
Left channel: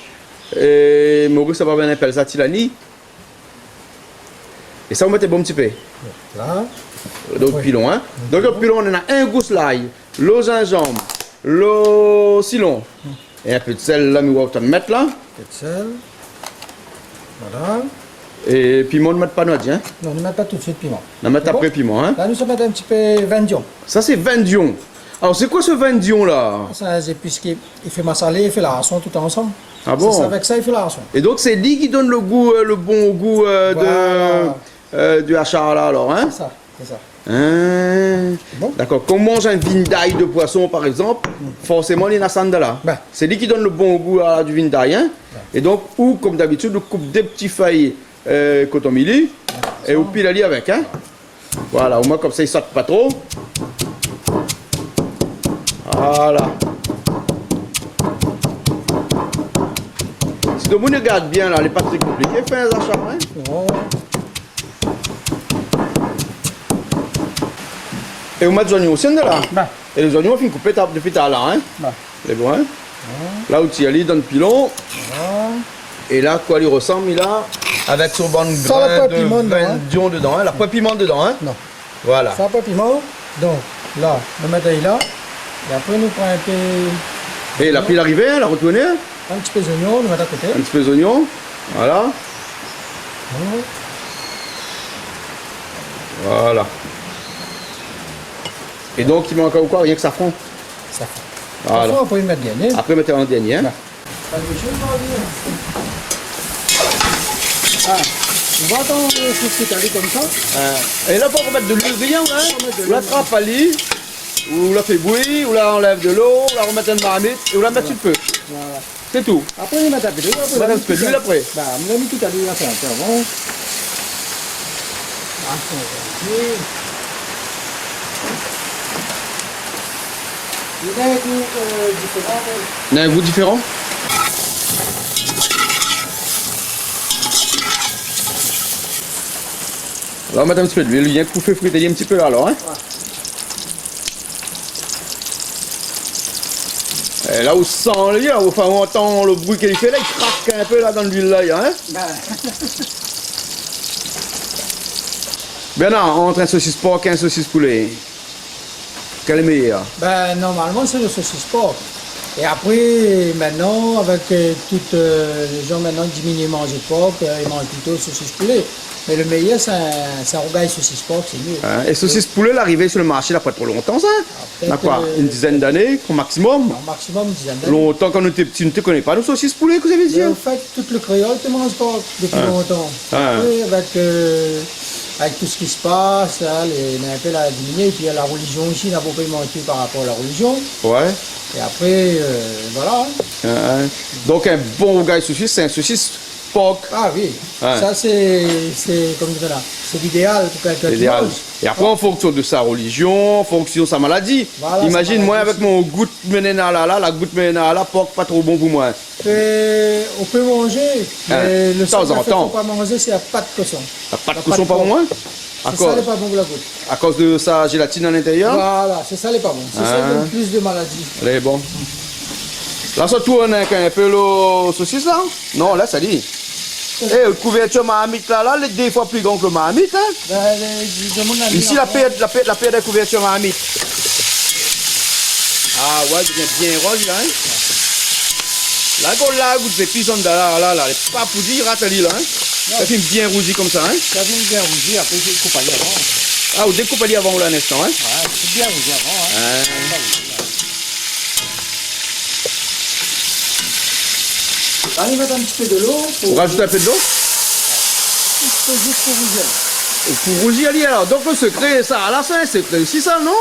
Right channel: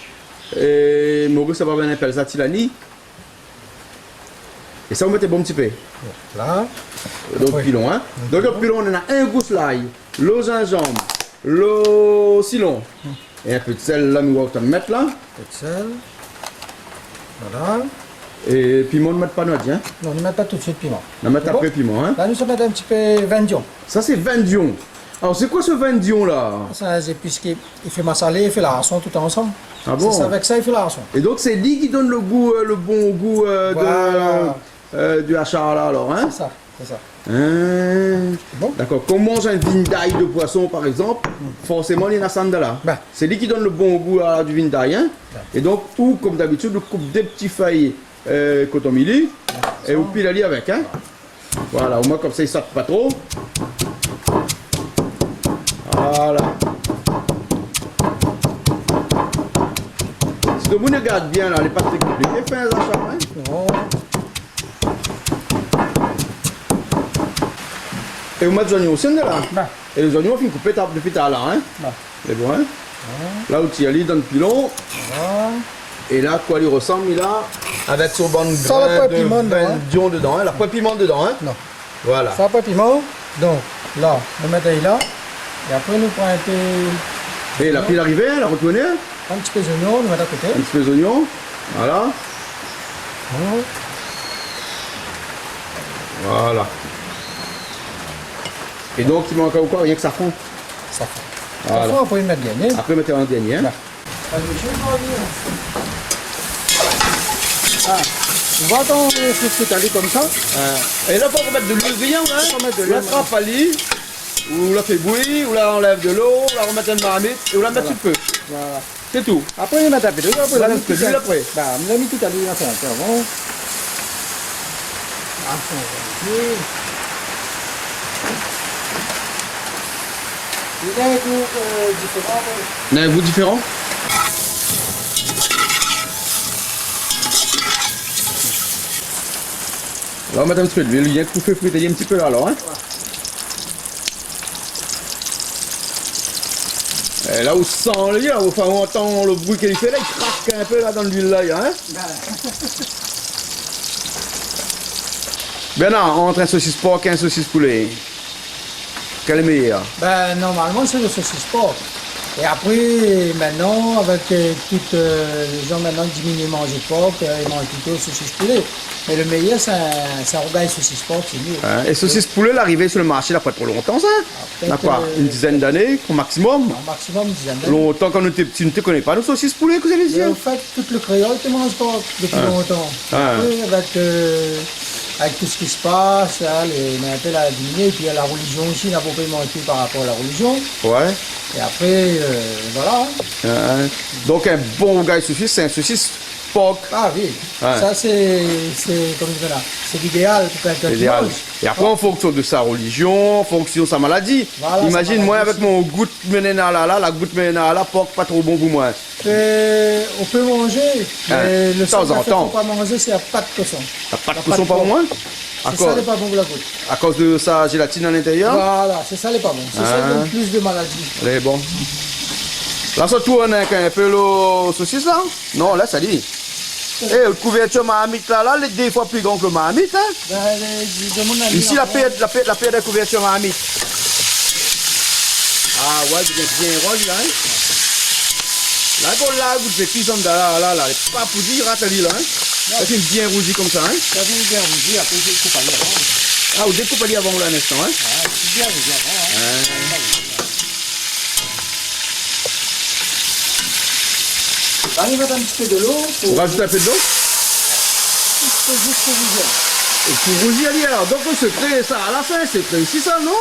Et Maurice, ça va bien appeler ça Tilani. Et ça, on met un bon petit peu. Là. Donc, Oui. pilon, hein. Donc, le pilon, on a un gousse l'ail, le gingembre, le Silon. Et un peu de sel, là, nous allons mettre là. Un peu de sel. Voilà. Et piment, on ne met pas notre, hein. Non, on ne met pas tout de suite piment. On met C'est après bon? piment, hein. Là, nous sommes mettre un petit peu vendion. Ça, c'est vendion. Alors, c'est quoi ce vendion, là? C'est un épice qui fait massalé et fait la rançon tout ensemble. Ah bon? C'est avec ça, il fait la rançon. Et donc, c'est lui qui donne le goût, le bon goût Voilà. du hachard, là, alors, hein. C'est ça, c'est ça. Hein. Bon. D'accord. Quand on mange un vin d'ail de poisson, par exemple, forcément, il y a une là. Ben. C'est lui qui donne le bon goût du vin d'ail. Hein. Et donc, ou comme d'habitude, on coupe des petits feuilles coton mili et on pile ali avec. Hein. Voilà, au moins comme ça, il ne saute pas trop. Voilà. Si le monde regarde bien, là, les pas très compliquées, fais un achat. Hein. Non. Et on met des oignons aussi de là. Ben. Et les oignons, on fait couper depuis tout à l'heure. Hein. Ben. C'est bon, hein. Là où tu y dans le pilon. Voilà. Et là, quoi, il ressemble, il a avec son bon Ça va pas piment dedans, hein. vendion dedans. Hein. La pas piment dedans. Hein. Non. Voilà. Ça n'a pas piment. Donc, là, on met là. Et après, nous prenons un peu. Et la pile arrivée, hein, la retournée. Hein. Un petit peu d'oignon, nous mettons à côté. Un petit peu d'oignon. Voilà. Voilà. Et donc, il manque encore quoi? Rien que safran. Ça fait. Voilà. Parfois, on peut y mettre bien. Hein. Après, mettez en dernier. Hein. Ben. Pas de chose, on va dire. Ah, on va dans le sauce aller comme ça. Et là, on va mettre de l'huile brillant. Hein. On va mettre de On la l'huile. frappe à lit. Ou la fait bouillir, ou la enlève de l'eau, ou la remet dans une marmite, et ou la met sur le feu. Voilà. C'est tout. Après, on y met un peu d'huile. Après, Ça on l'a reste mis peu d'huile après. Ben, on l'a mis tout à l'heure, c'est un peu avant. Ah, c'est un il a un goût différent. Il y a un goût différent. Là, on va mettre un petit peu d'huile, il y a un coup fait friter un petit peu là alors. Hein. Et là où sent le là, enfin, on entend le bruit qu'il fait là, il craque un peu là dans l'huile là. Hein. Bernard, entre un saucisse porc et un saucisse poulet, quel est meilleur? Ben, normalement, c'est le saucisse porc. Et après, maintenant, avec toutes les gens maintenant diminuent manger porc, ils mangent plutôt le saucisse poulet. Mais le meilleur, c'est un rougail saucisse porc, c'est mieux. Hein, et saucisse poulet, l'arrivée sur le marché, là, pas trop longtemps, ça. peut-être, quoi, une dizaine d'années, au maximum. Au maximum, une dizaine d'années. Longtemps, quand on était petits, on ne te connaît pas, nos saucisses poulet, que vous avez dit. En fait, tout le créole ne mange pas depuis longtemps. Après, avec tout ce qui se passe, là, un peu la diminué, et puis il y a la religion aussi, n'a pas menti par rapport à la religion. Ouais. Et après, voilà. Donc un bon rougail saucisse, c'est un saucisse porc. Ah oui, ça c'est comme je dis là, c'est l'idéal pour quelqu'un qui mange. Et après, en fonction de sa religion, en fonction de sa maladie. Voilà, imagine, sa moi, maladie avec mon goût de menena là, la goutte menena là, porc pas trop bon pour moi. On peut manger, mais le seul qu'il ne faut pas manger, c'est la pâte de cochon. La pâte de cochon pas pour moi? C'est ça, n'est pas bon pour la goutte. À cause de sa gélatine à l'intérieur? Voilà, c'est ça, n'est pas bon. C'est ça qui donne plus de maladies. Elle est bon. Là, ça tourne avec un peu le saucisse là? Non, là, ça dit. Et le couverture mahamite là, il est 2 fois plus grand que le mahamite. Hein? Ici, la paire de couverture mahamite. Ah ouais, c'est bien rose là. Hein? Là, quand la goutte de pisson de là, elle est pas poudie, rate-li là. Hein? Ça fait bien rougi comme ça. Hein? Ça fait bien rougi, après je découpe aller avant. Ah, vous découpez avant là un instant. Hein? Ouais, c'est bien rougi avant. Hein? Là, il va mettre un petit peu de l'eau. Pour rajouter un peu d'eau? C'est juste pour rougir. Et pour rougir, alors. Donc le secret, ça, à la fin, c'est aussi ça, non?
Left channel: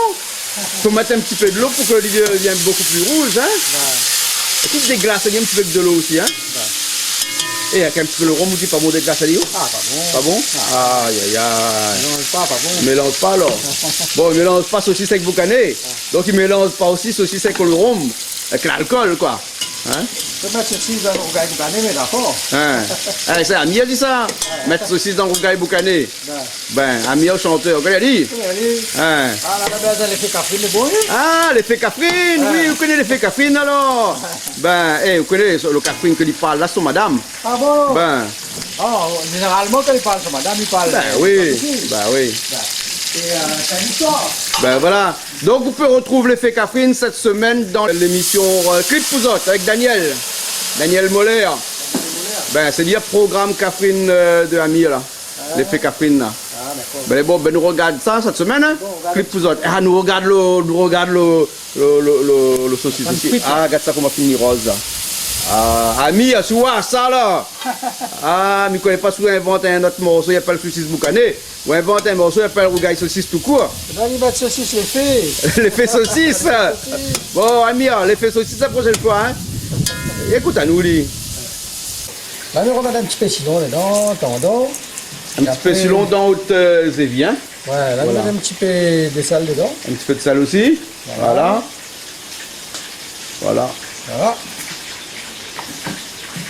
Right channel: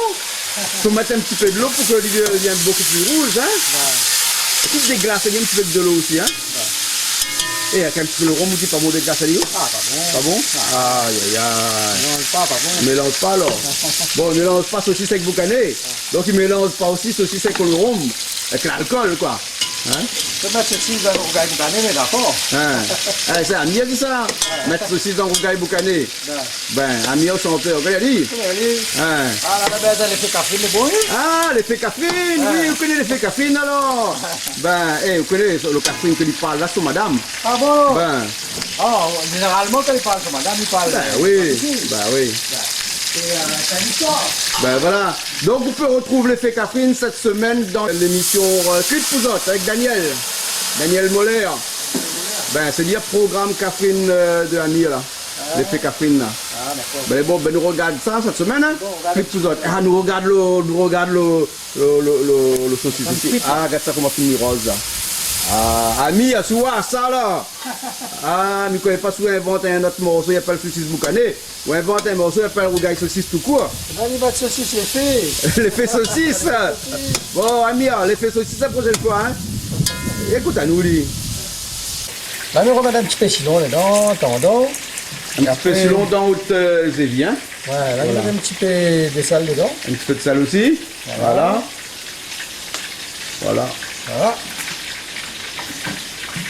Il faut mettre un petit peu de l'eau pour que l'olive devienne beaucoup plus rouge. Hein? Ouais. Tout déglace, il y a un petit peu de l'eau aussi. Hein? Ouais. Et avec un petit peu le rhum, vous pas bon déglace, ah, pas bon. Pas bon? Ah. Aïe, aïe, aïe. Mélange pas bon. Mélange pas alors. Bon, il mélange pas saucisse avec boucané. Donc il mélange pas aussi saucisse avec le rhum. Avec l'alcool, quoi. Hein? Je peux mettre saucisse dans le rougail boucané, mais d'accord. Ah, c'est Ami a dit ça. Mettre saucisse dans le rougail boucané. Ben, Ami a chanté. Vous avez dit? Ah, là, l'effet caféine, c'est bon. Ah, l'effet caféine. Oui, vous connaissez l'effet caféine alors? Ben, vous connaissez le caféine que il parle là sur madame. Ah bon? Ben. Ah, généralement, quand il parle sur madame, il parle. Ben oui. Ben oui. C'est une histoire. Ben voilà. Donc vous pouvez retrouver l'effet caféine cette semaine dans l'émission Clip Pouzotte avec Daniel Moller. Ben c'est dire programme caféine de Ami là. L'effet caféine là. Ah d'accord. Ben bon, ben nous regarde ça cette semaine. Hein? Clip Pouzotte. Ah nous regarde le saucisse ici. Ah regarde ça comment finit rose là. Ah, Ami, à ça là. Ah, mais quand il pas souvent inventer un autre morceau, il n'y a pas le saucisse boucané. Ou inventer un morceau, il n'y a pas le rougail saucisse tout court. Là, il va de saucisse l'effet. L'effet saucisse. Bon, Ami, l'effet saucisse la prochaine fois. Hein? Écoute à nous, lui. Là, nous remettons un petit peu silon dedans, tendons. Un petit peu silon dans haute zévie. Hein? Ouais, là, nous mettons un petit peu de sel dedans. Un petit peu de sel aussi. Voilà.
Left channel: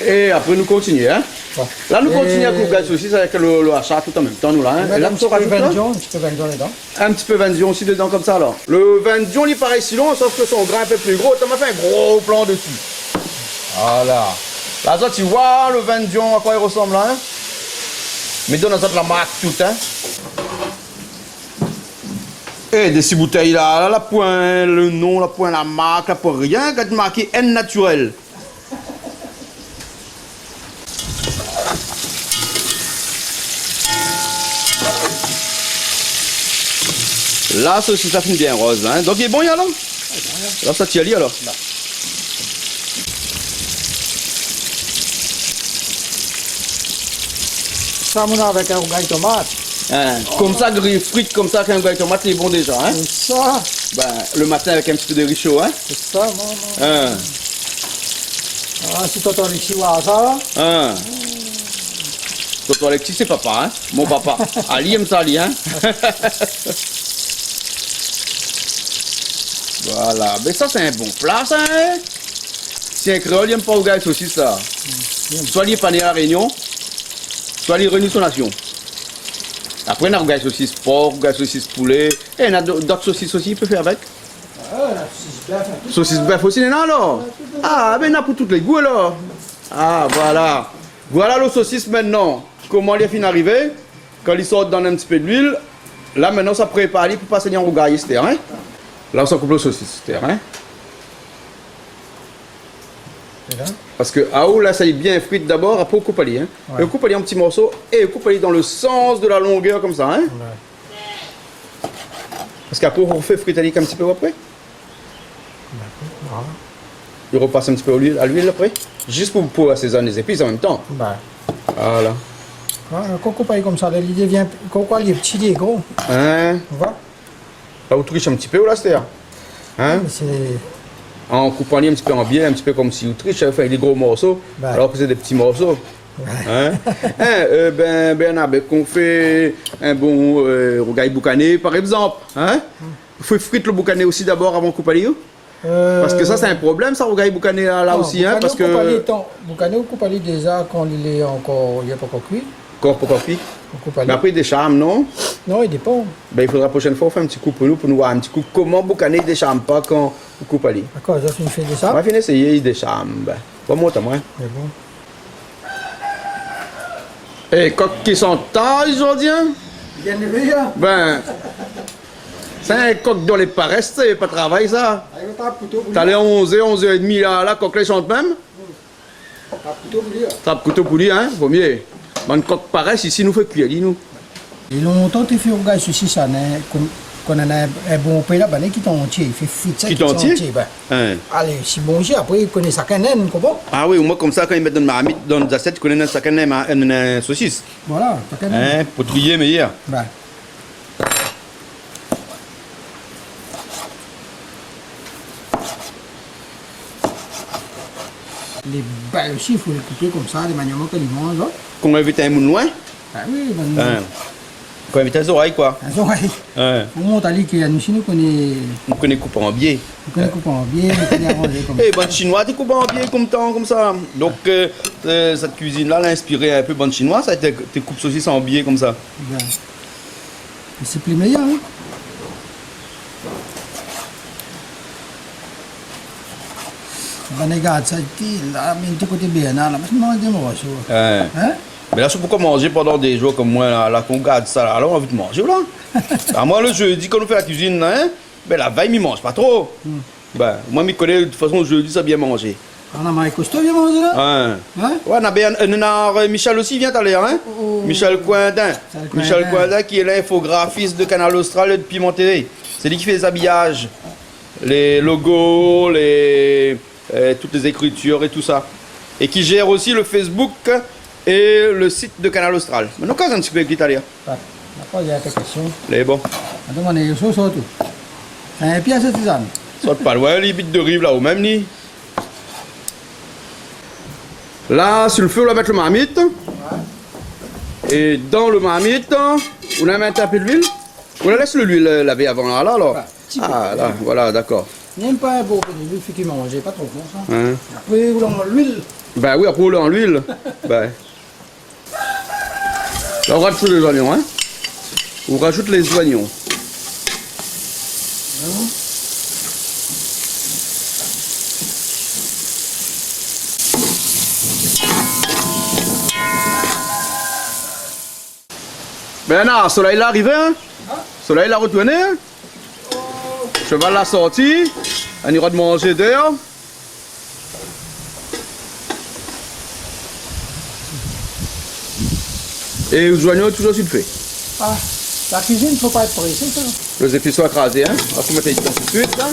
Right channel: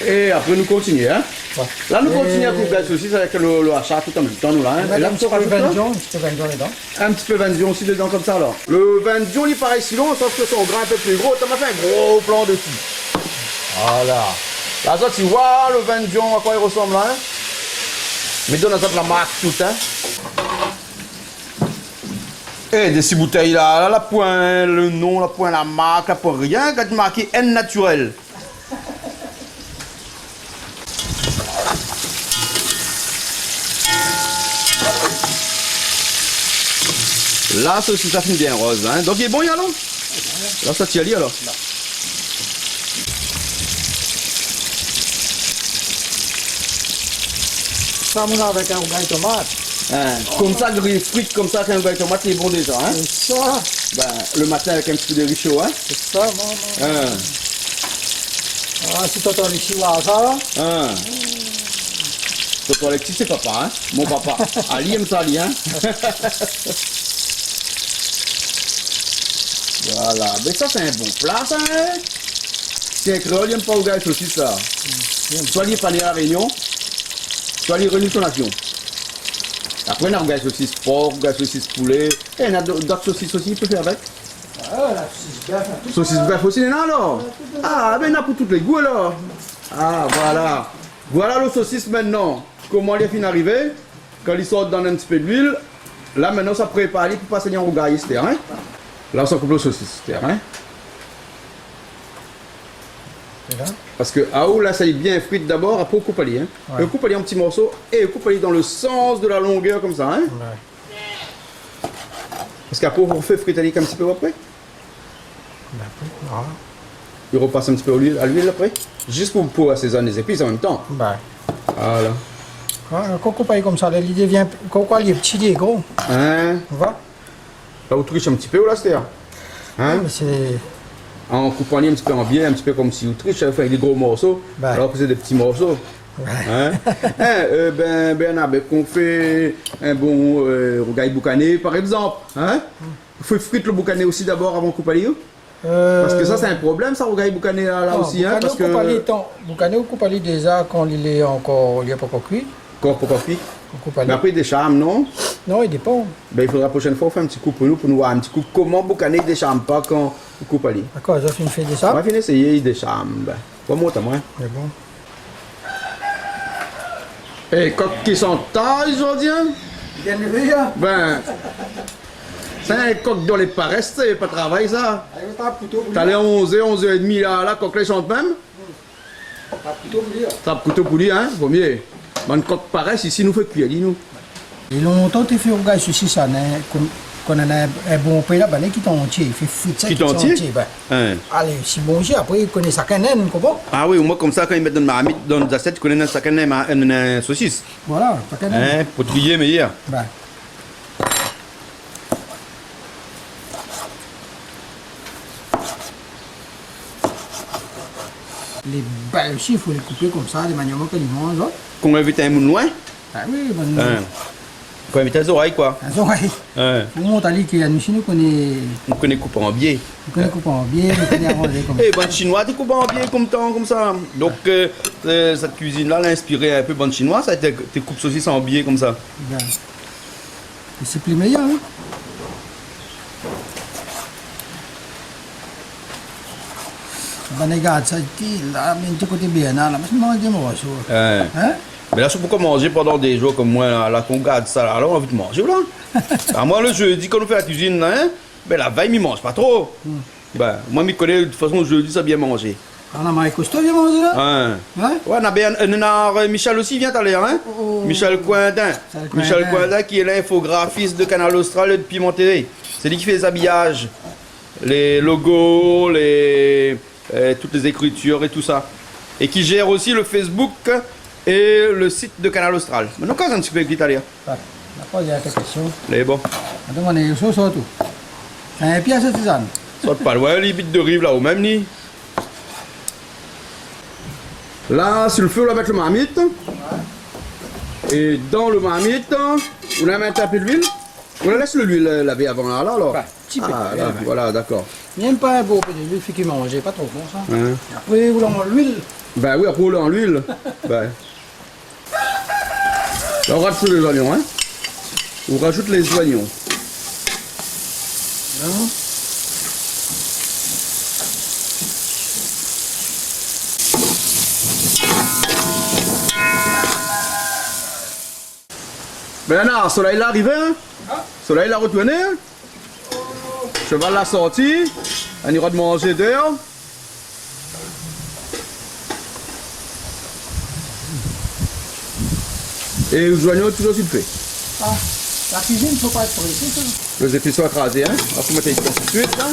Et après nous continuons. Hein? Ouais. Là nous continuons à couper la saucisse avec le achat tout en même temps. Nous, là, hein? Et là, un petit peu vindion dedans. Un petit peu vindion aussi dedans comme ça alors. Le vindion il paraît si long, sauf que son grain un peu plus gros. Tu m'as fait un gros plan dessus. Voilà. Là ça tu vois le vindion à quoi il ressemble là. Hein? Mais donne ça la marque tout. Hein? Et des six bouteilles là, la point, le nom, la point, la marque, la point rien, quand tu marqué N naturel. Là, ça finit bien rose. Hein? Donc il est bon, alors? Alors ça, tu y as dit alors? Là. Ça, on a avec un rougail tomate. Hein? Comme ça, frites comme ça, qu'un rougail tomate, il est bon déjà. Hein? C'est ça. Ben, le matin avec un petit peu de riz chaud. Hein? C'est ça, non. Ah, si t'entends les chihuahuas, ça. Tonton Alexis, c'est papa, hein? Mon papa. Ali aime ça, Ali, hein? Voilà. Mais ça, c'est un bon plat, ça, hein? Si un créole, il n'aime pas au gars aussi, ça. Soit il est pas né à la Réunion, soit il renoue son nation. Après, on a rougail saucisse porc, rougail saucisse poulet. Et on a d'autres saucisses aussi, il peut faire avec. La saucisse bœuf. Saucisse bœuf aussi, non, alors? Ah, ben, on a pour tous les goûts, alors. Ah, voilà. Voilà le saucisse maintenant. Comment il est fin d'arriver? Quand il sort dans un petit peu d'huile, là, maintenant, ça prépare pour passer en rougail, c'est hein? Là, on coupe le saucisse, hein? Là. Parce que à haut, là, ça est bien frite d'abord, après on coupe à hein. Ouais. On coupe à en petits morceaux et on coupe à dans le sens de la longueur comme ça, hein. Ouais. Parce qu'après, on fait frite un petit peu après. Voilà. Il repasse un petit peu à l'huile après. Juste pour assaisonner les épices en même temps. Ben. Voilà. Voilà, quand on coupe comme ça, l'idée vient. Quand il est petit, il est gros. Hein? On va. Là, on triche un petit peu, là, c'est-à-dire. Hein? Mais c'est. En coupant un petit peu en biais, un petit peu comme si on triche, avec des gros morceaux, Ben. alors que c'est des petits morceaux. Hein? Bernard, qu'on fait un bon rogaille boucané, par exemple. Hein? Il faut frire le boucané aussi d'abord avant de couper les Parce que ça, c'est un problème, ça, rogaille boucané là aussi. Hein? Parce que. Boucané, on coupe déjà quand il est encore. Il n'est pas encore cuit. Encore pour coffee. On coupe Mais après, des charmes, non? Non, il dépend. Ben, il faudra la prochaine fois faire un petit coup pour nous voir un petit coup comment boucaner des charmes pas quand on coupe à l'île. D'accord, j'ai fait de On ça. va finir essayer des charmes. Ben, pas moi, t'as moi. Mais bon. Et coq qui sont tard aujourd'hui, hein? Bien levé, hein? Ben, c'est un coq dont les paresses, c'est pas de travail, ça. Avec un couteau pour T'as les 11h30 là, coq les chante même. Un couteau pour lire. T'as couteau pour lui, hein? Vaut mieux. Man coq paresse, ici, nous fait cuire, dis-nous. Et longtemps, tu fais un gars ici, ça, qu'on a un bon pays là-bas, qui est entier. Il fait frite ça, Qui est entier? Ben. Hein. Allez, si bon, après, il connaît ça qu'un naine, comment? Ah oui, moi, comme ça, quand ils mettent dans ma marmite, dans les assiettes, je connais un sac à saucisse. Voilà, pas qu'un naine. Hein? Pour trier, mais hier. Ben. Les balles aussi, il faut les couper comme ça, de manière qu'ils mangent. Qu'on invite un moun loin. Ah oui, ben. Hein. Qu'on invite les oreilles, quoi. Les oreilles. Hein. Pour monter à l'île, nous, nous connaît. On connaît couper en biais. Nous connaît couper en biais, nous connaît arranger comme ça. Eh, bonne chinoise, tu coupes en biais comme ça. Donc, cette cuisine-là l'a inspiré un peu bonne chinoise, ça tes coupes saucisses en biais comme ça. Ben. Et c'est plus meilleur, hein. Ben, regarde, ça, là, mais tu côté bien, là, parce que moi, je mange ça. Hein? Mais là, c'est pourquoi manger pendant des jours comme moi, là qu'on garde ça, là, on a envie de manger, là. Alors, moi, le jeudi, quand on fait la cuisine, là, hein, ben, la veille, il mange pas trop. Ben, moi, je connais, de toute façon, le jeudi, ça bien manger. On a Marie Costa vient manger là? Hein? Hein? Ouais, on a Michel aussi vient d'aller, hein? Oh. Michel Coindin. Michel Coindin qui est l'infographiste de Canal Austral et de Piment TV. C'est lui qui fait les habillages, les logos, toutes les écritures et tout ça. Et qui gère aussi le Facebook et le site de Canal Austral. Maintenant, quand on se fait l'italien? D'accord, il y a quelques questions. Les bon. Attends, on est sur tout. C'est un pièce de tisane. Soit pas loin, les bits de rive là, au même nid. Là, sur le feu, on va mettre le marmite. Et dans le marmite, on a mis un peu d'huile. On la laisse l'huile laver avant là, alors. Ah, là, voilà, d'accord. N'aime pas un beau peu d'huile, il faut qu'il mange, pas trop bon ça. Hein? Après, vous l'avez l'huile. Ben oui, après, on l'a en l'huile. Ben. Là, on rajoute les oignons, hein. On rajoute les oignons. Ben non, soleil là arrivé, hein? Soleil là retourné, hein? Cheval l'a sorti, on ira de manger dehors. Et les oignons toujours sur le feu. Ah, la cuisine, il ne faut pas être pressé, ça. Les épices sont écrasés, hein? On va mettre les tout de suite, hein?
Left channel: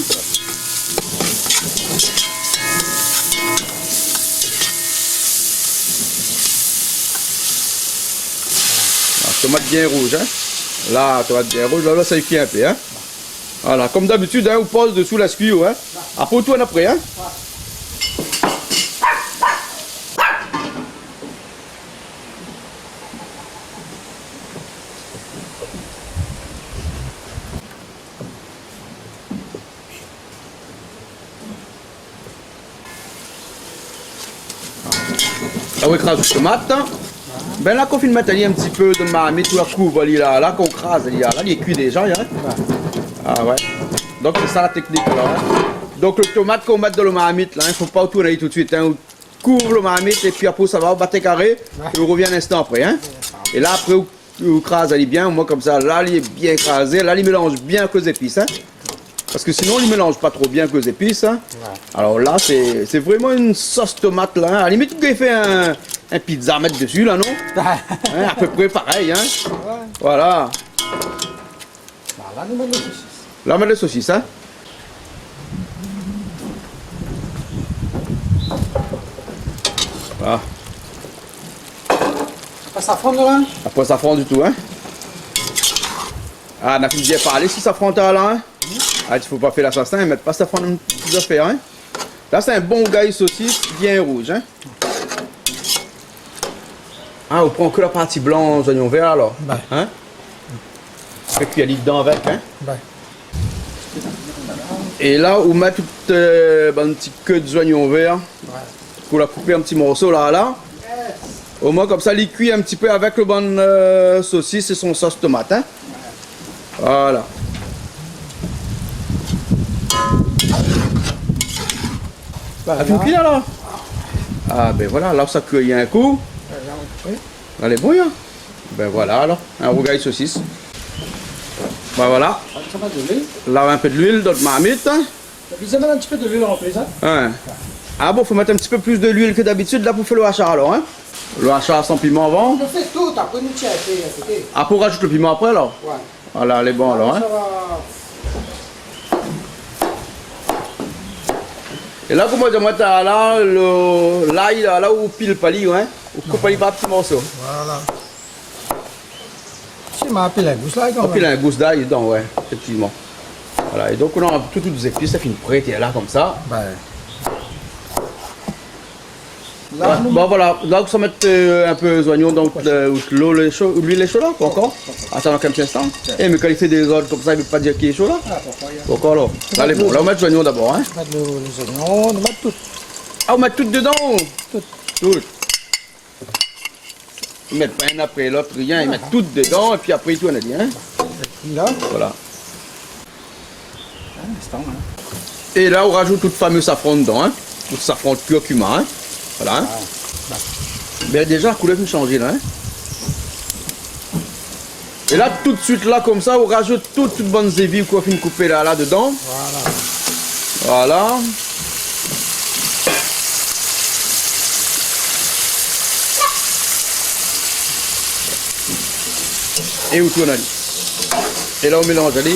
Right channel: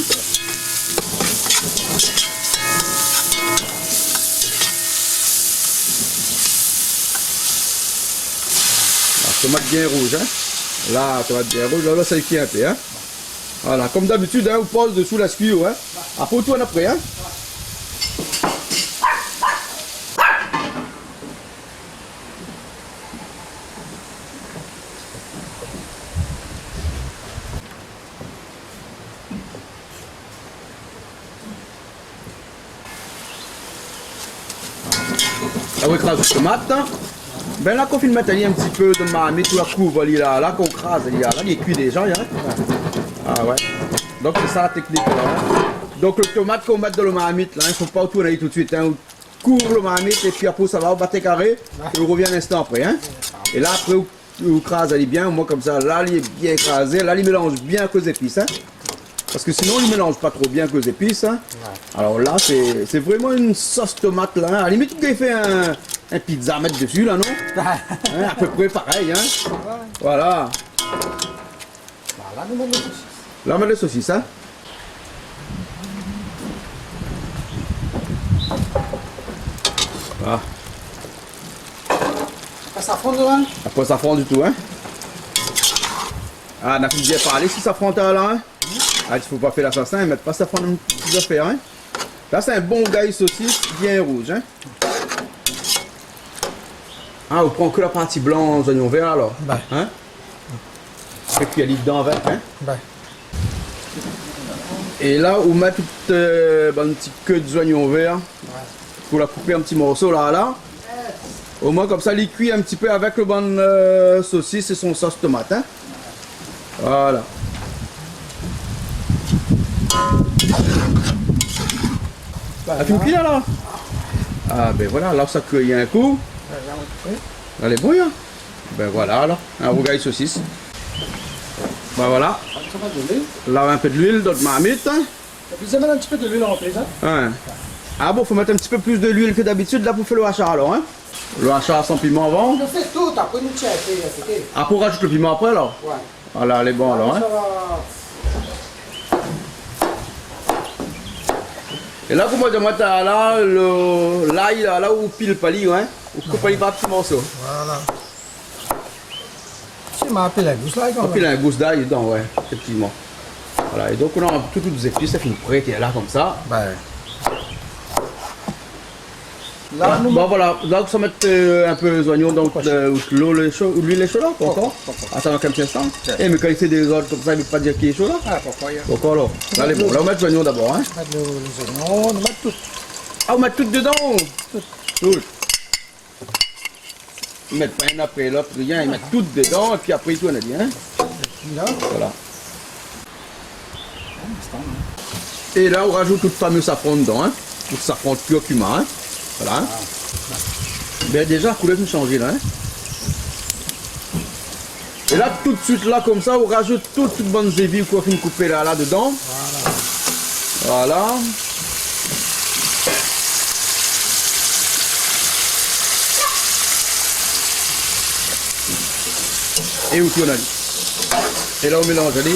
Tomate bien rouge, hein? Là, tomate bien rouge, là, ça cuit un peu, hein? Voilà, comme d'habitude, hein, on pose dessous la scuille, hein? Après, tout en après, hein? Là, on écrase la tomate, hein? Ben là, qu'on finit de mettre un petit peu de marmite, tout la couvre, là, qu'on crase, là, il est cuit déjà, hein? Ah ouais. Donc c'est ça la technique, là. Hein? Donc le tomate qu'on met dans le marmite, là, il ne faut pas tourner tout de suite, hein? On couvre le marmite et puis après ça va au battre carré, et on revient un instant après, hein? Et là, après, on crase, elle est bien, moi comme ça, là, il est bien écrasé, là, il mélange bien que les épices, hein? Parce que sinon, il ne mélange pas trop bien que les épices. Hein. Ouais. Alors là, c'est vraiment une sauce tomate. Là, hein. À la limite, tu peux faire un pizza à mettre dessus, là, non? Hein, à peu près pareil. Hein. Ouais. Voilà. Bah, là, nous mettons les saucisses. Là, on met les saucisses. Hein. Voilà. Pas safran là? Après, ça fond du tout. Hein. Ah, on a bien parlé si ça fond là. Hein. Ah, il ne faut pas faire l'assassin, mettre pas ça fond une petite affaire. Hein. Là, c'est un bon gars saucisse bien rouge. Hein. Ah, on prend que la partie blanche, oignons verts alors. Ben. Hein. Et puis il y a dedans avec. Hein. Ben. Et là, on met toute une petite queue d'oignons verts. Ouais. Pour la couper un petit morceau là. Au moins comme ça, il cuit un petit peu avec le bon saucisse et son sauce tomate. Hein. Voilà. Ben, Tu me cuis là? Ah ben voilà, là ça cueille un coup. Elle est bonne. Hein. Ben voilà alors, un rougail saucisse. Ben voilà. Ça va de l'huile. Là un peu de l'huile dans le marmite. Hein. Vous avez un petit peu de l'huile en plus, hein? Hein. Ah bon, faut mettre un petit peu plus de l'huile que d'habitude là pour faire le hachard alors. Hein. Le hachard sans piment avant. On fait tout, après nous tiens à côté. Ah pour rajouter le piment après alors? Ouais. Voilà, elle est bonne alors. Hein. Ça va. Et là, comment dire, moi, t'as là, l'ail, là où pile pali, hein, où coupe pali pas petits morceaux. Voilà. Tu m'as appelé la gousse là quand Et même. puis il y a un gousse d'ail dedans, ouais, effectivement. Voilà, et donc on a toutes les épices, ça finit prêt, et là comme ça. Ben. Là, nous. Bon voilà, là ça met un peu les oignons, donc l'huile est chaude là, encore. Attends un petit instant. Et mais quand il fait des ordres comme ça, il ne veut pas dire qu'il est chaud là. Ah, pourquoi il y a. Encore là. Allez, bon, là on met les oignons d'abord. Hein. On met les oignons, on met tout. Ah, on met tout dedans. Tout. Tout. Ils mettent pas un après l'autre, rien, ils mettent tout dedans, et puis après tout on a dit. Hein. Là. Voilà. Un instant, hein. Et là on rajoute tout le fameux safran dedans. Hein. Tout le safran de curcuma. Hein. Voilà. Mais déjà, la couleur me changer là. Hein. Et là, tout de suite, là, comme ça, on rajoute toutes bonnes évies qu'on finit couper là dedans. Voilà. Voilà. Et où on a dit. Et là, on mélange. Allez.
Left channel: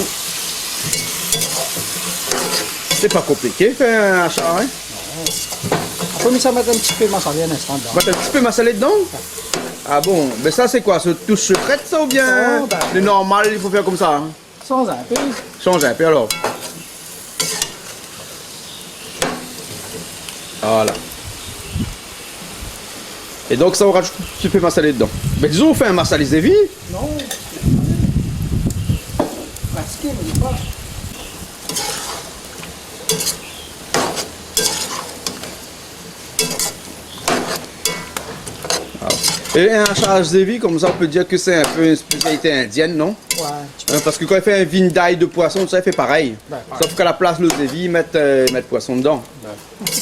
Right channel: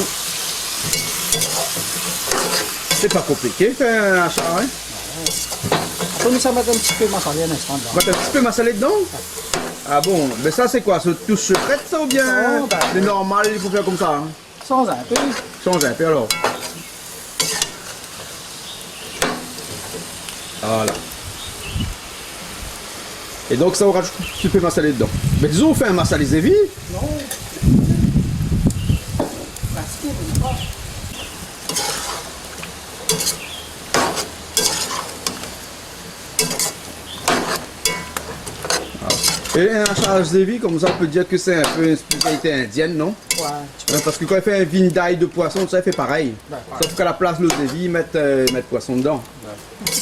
C'est pas compliqué, faire un achat. Hein. Après, ça mettre un petit peu massalé un instant dedans. Mettre un petit peu massalé dedans? Ah bon, mais ça c'est quoi? Ce touche secrète ça ou bien Oh, bah, le normal il faut faire comme ça? Hein? Sans un peu. Change un peu alors. Voilà. Et donc ça on rajoute un petit peu massalé dedans. Mais disons on fait un massalé zévi. Non. Pratiquer, mais pas. Et un charge zévi, comme ça on peut dire que c'est un peu une spécialité indienne, non? Ouais. Parce que quand il fait un vin d'ail de poisson, ça il fait pareil. Ouais, Sauf qu'à la place le zévi, ils mettent poisson dedans. Ouais.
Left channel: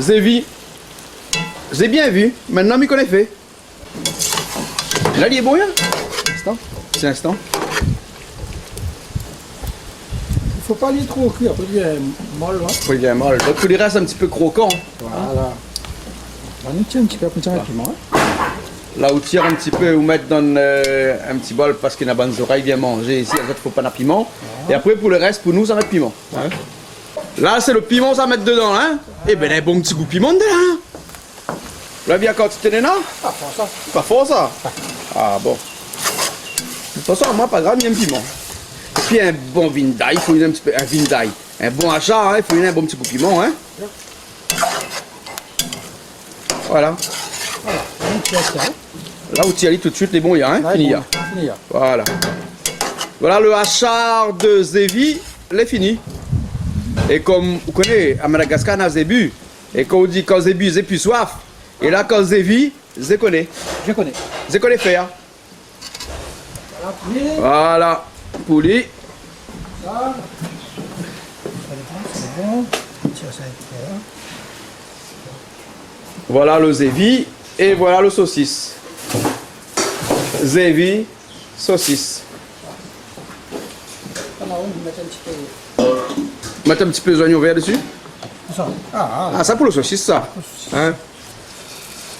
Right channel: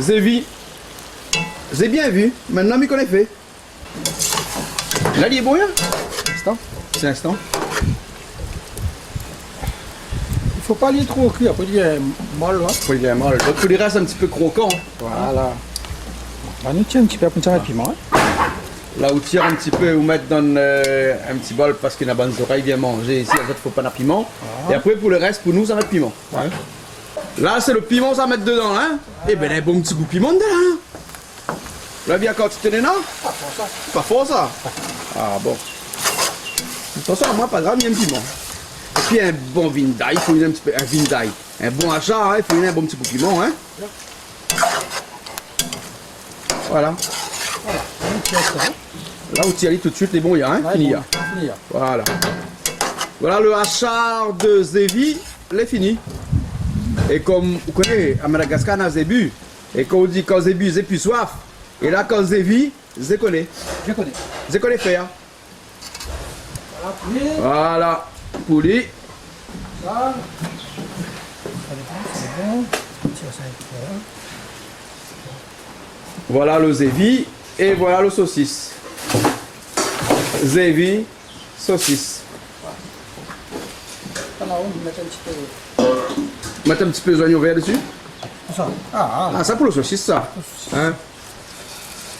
Zévi, j'ai bien vu, maintenant il connaît fait. Et là il est bon, hein? Instant. C'est l'instant. Il faut pas aller trop cuit, après il est molle là. Oui, il est mal. Donc tout les restes un petit peu croquant. Voilà. On va nous tirer un petit peu pour tirer le piment. Hein. Là où tire un petit peu, ou mettre dans un petit bol parce qu'il y a bonnes oreilles bien manger. Ici, en fait, il ne faut pas de piment. Et après, pour le reste, pour nous, ça met le piment. Ouais. Là, c'est le piment, ça met dedans. Hein. Et ben, un bon petit goût de piment dedans. Hein. Là, bien quand tu tenais là. Pas fort ça. Pas fort, ça. Ah bon. De toute façon, moi, pas grave, il y a un piment. Et puis, un bon vin d'ail, il faut un petit peu. Un vin d'ail. Un bon achat, hein, il faut un bon petit goût de piment. Hein. Voilà. Voilà. On tire ça. Là où tu y allais tout de suite, les bons, il y a un. Ouais, Fini. bon, fini. Voilà. Voilà le hachard de zévi, il est fini. Et comme vous connaissez, à Madagascar, on a zébu. Et quand on dit quand zébu, j'ai plus soif. Et là, quand zévi, j'ai connais. Je connais. J'ai connais faire. Voilà, poulet. Voilà. Poulet. Ça. C'est bon. On tire ça un peu là. Voilà le zévi. Et voilà le saucisse. Zévi, saucisse. en haut, vous mettez un petit peu. Mettre un petit peu d'oignon vert dessus. Ça. Ah, Ça pour le saucisse, ça. Hein?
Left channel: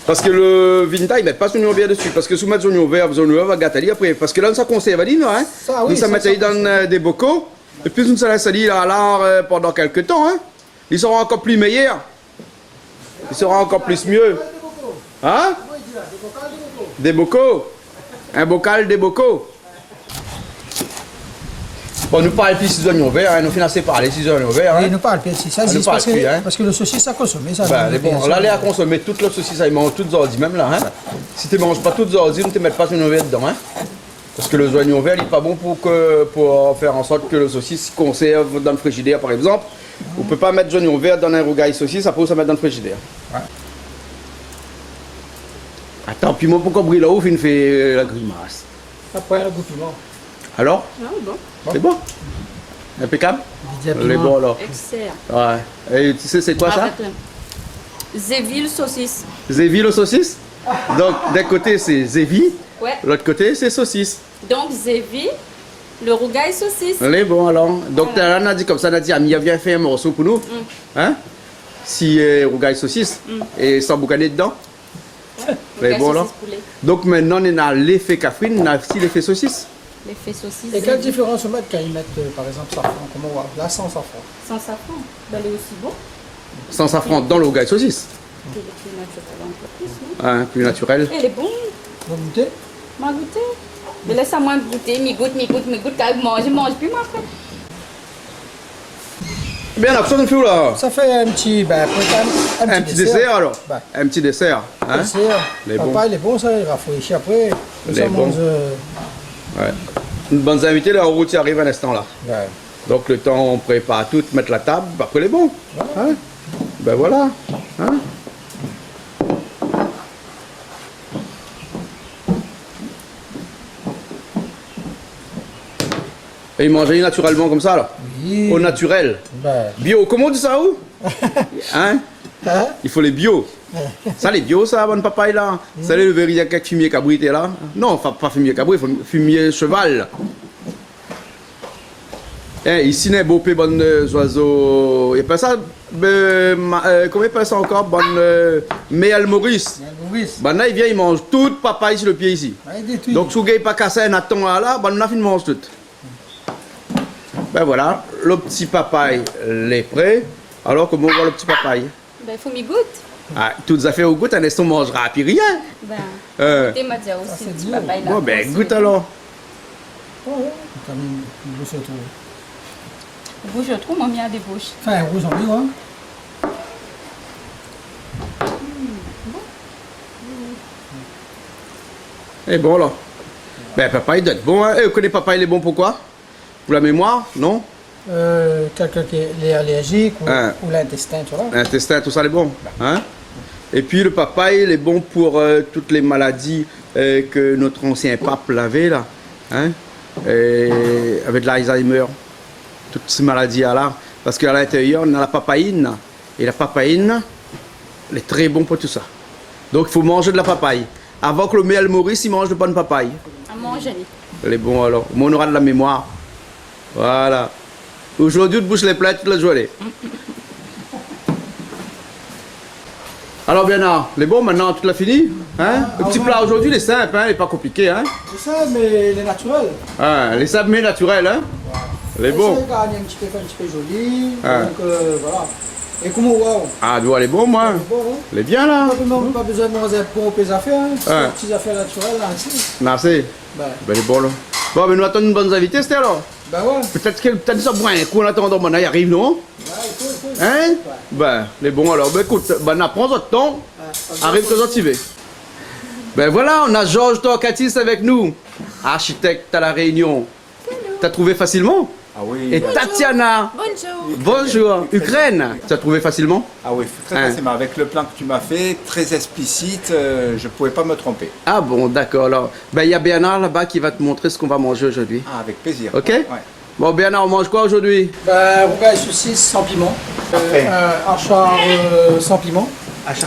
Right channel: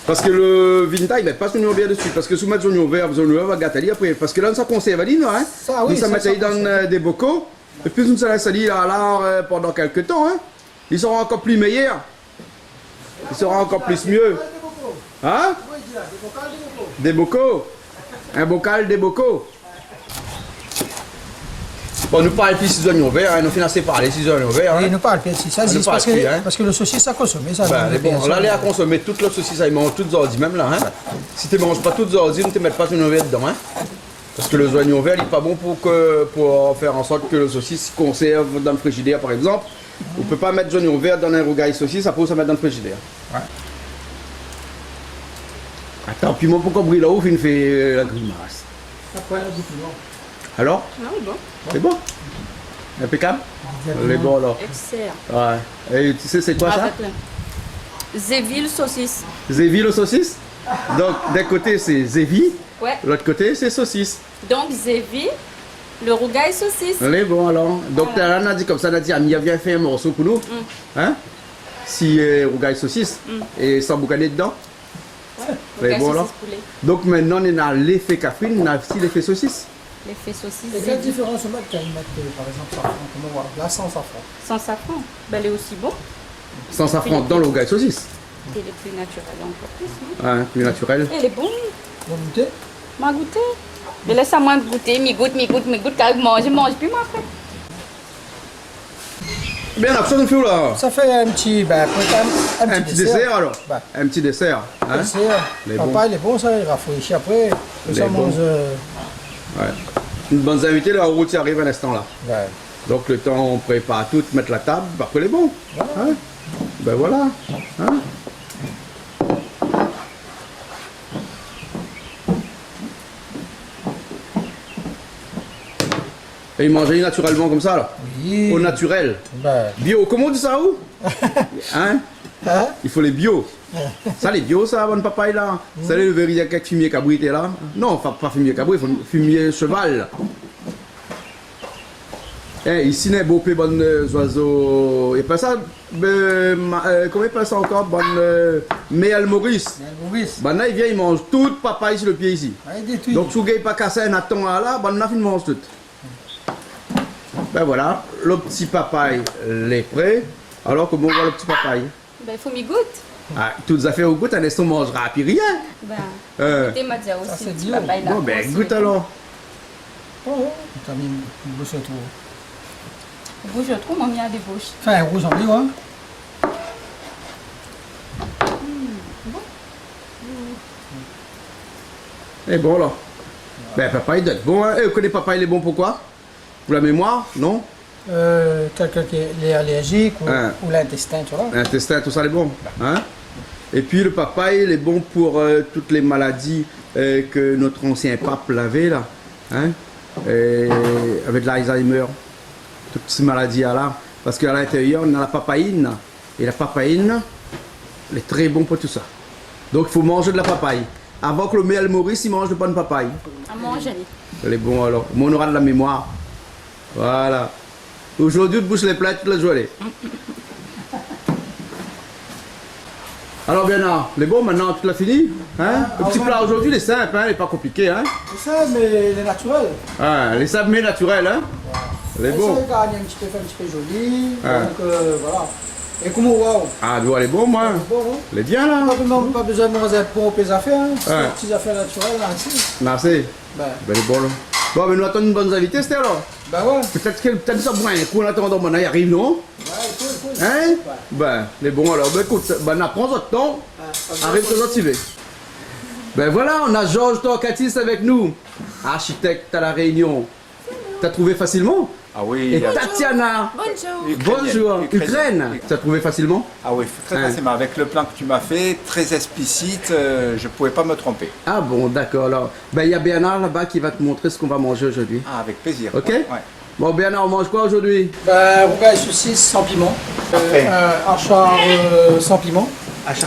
Parce que le vinta, il met pas son oignon vert dessus. Parce que si vous mettez son oignon vert, vous va gâter après. Parce que là, ça conserve, non? Hein? Ça, oui. Ça met dans des bocaux. Et puis, nous allons salir là pendant quelques temps. Hein? Ils seront encore plus meilleurs. Ils seront encore plus mieux. Hein? Des bocaux. Un bocal, des bocaux. Bon, nous parlons ici des oignons verts, nous financés par les 6 oignons verts. Oui, nous parlons ici, ça existe parce que le saucisse, ça consomme. Ça, bon, là, les à consommer toutes les saucisses, ils mangent toutes ordi, même là. Hein? Si tu ne manges pas toutes ordi, ne te mets pas oignons verts dedans. Hein? Parce que le oignon vert, il n'est pas bon pour faire en sorte que le saucisse conserve dans le frigidaire, par exemple. On ne peut pas mettre oignons verts dans un rougail saucisse, après ça mettre dans le frigidaire. Ouais. Attends, puis moi, pourquoi brûler là-haut, il me fait la grimace? Après, le goût piment. Alors? Ah, bon. C'est bon? Impeccable? Les bons alors. Excellent. Ouais. Et tu sais c'est quoi ça? Avec le Zéville saucisse. Zévi le saucisse? Donc d'un côté c'est Zévi, Ouais. l'autre côté c'est saucisse. Donc Zéville, le rougail saucisse. Les bons alors. Donc Voilà. on a dit comme ça, on a dit Amia viens faire un morceau pour nous. Hein? Si rougail saucisse et sans boucaner dedans. Rougail bon, là. saucisse poulet. Donc maintenant on a l'effet cafrine, on a aussi l'effet saucisse. L'effet saucisse. Et quelle Zéville. différence on met quand ils mettent, par exemple, safran? Comment voir? Là, sans safran. Sans safran. Ben, elle est aussi bon. Sans safran dans le rougail saucisse. Elle est plus naturelle encore plus, non? Hein, plus naturel. Elle est bonne. Vous goûtez? M'a goûté. Mais laisse-moi goûter. Mi goûte, quand je mange plus moi après. Bien, la option de fou là. Ça fait un petit, peut-être Un petit dessert alors. Bah. Un petit dessert. Hein? Dessert. Les Papa, il est bon, ça, il rafraîchit après. Les Ça bons. mange. Ouais. Une bonne invitée, la route y arrive à l'instant là. Ouais. Donc le temps on prépare tout, mettre la table, après les bons. Hein? Ben voilà. Hein? Et ils mangent naturellement comme ça là. Oui. Au naturel. Ben. Bio, comment on dit ça où? Hein? Hein? Il faut les bio. Ça les bio ça, bonne papaye là. Ça le verrier avec fumier cabrité là. Non, pas fumier cabrité, il faut fumier cheval. Ici, il y a beau bon oiseaux. Et pas ça, comment il appelle ça encore? Bon, Méal Maurice. Maurice. Ben là, il vient, il mange toute papaye sur le pied ici. Ouais, il détruit. Donc, si vous n'avez pas cassé un aton là, ben là, il mange tout. Ben voilà, le petit papaye, l'est prêt. Alors, comment on voit le petit papaye? Ben, il faut m'y goûter. Ah, toutes affaires au goût, un instant, on mangera, puis rien. Ben, goûter m'a dit aussi, c'est le petit dur. papaye là. Bon, ben, goûte alors. Oh, ouais. T'as mis une bouche trop. Bouche, je trouve, moi, il y a des bouches. Enfin, un rouge en bleu, hein. Et bon, là. Ben, papaye doit être bon, hein. Vous connaissez papaye, il est bon pourquoi? Pour la mémoire, non? Quelqu'un qui est allergique Hein. ou l'intestin, tu vois. Intestin, tout ça, c'est bon. Hein? Et puis le papaye, il est bon pour toutes les maladies que notre ancien pape l'avait, là. Hein? Et avec l'Alzheimer, toutes ces maladies-là. Parce qu'à l'intérieur, on a la papaïne. Et la papaïne, elle est très bon pour tout ça. Donc il faut manger de la papaye. Avant que le Méal Maurice, il mange de bonne papaye. À manger. Elle est bon alors. Mais on aura de la mémoire. Voilà. Aujourd'hui, on te bouche les plats toute la journée. Alors Bernard, les bons maintenant, tu l'as fini? Hein? Le petit plat aujourd'hui, il est simple, hein? Il n'est pas compliqué. Hein? C'est ça, mais il est naturel. Ah, les sables mais naturels, hein? Les Ça, bons. il gagne un petit peu joli. Ah. Donc, voilà. Et comment, waouh. Ah, tu vois, les bons, moi. C'est bon, hein? Les bien là. Pas besoin de manger pour les affaires. Hein. C'est Ouais. des petites affaires naturelles, là, ici. Merci. Ben, Ben, les bons là. Bon, mais nous attendons une bonne invitée, c'était alors. ben ouais. Peut-être ça boit un coup en attendant, bon, il arrive, non? Ouais, il faut. Hein? Ouais. Ben, les bons alors. Ben, écoute, ben, prends votre temps. Ouais. Arrive quand tu veux. Ben voilà, on a Georges Torcatis avec nous, architecte à La Réunion. T'as trouvé facilement? Ah oui. Et Tatiana, Bonjour. bonjour, Ukraine. T'as trouvé facilement? Ah oui, très Hein. facilement. Avec le plan que tu m'as fait, très explicite, je ne pouvais pas me tromper. Ah bon, d'accord. Alors, ben il y a Bernard là-bas qui va te montrer ce qu'on va manger aujourd'hui. Ah, avec plaisir. Ok? Ouais. Bon, Bernard, on mange quoi aujourd'hui? Ben, rougail saucisse sans piment. Parfait. Achar sans piment.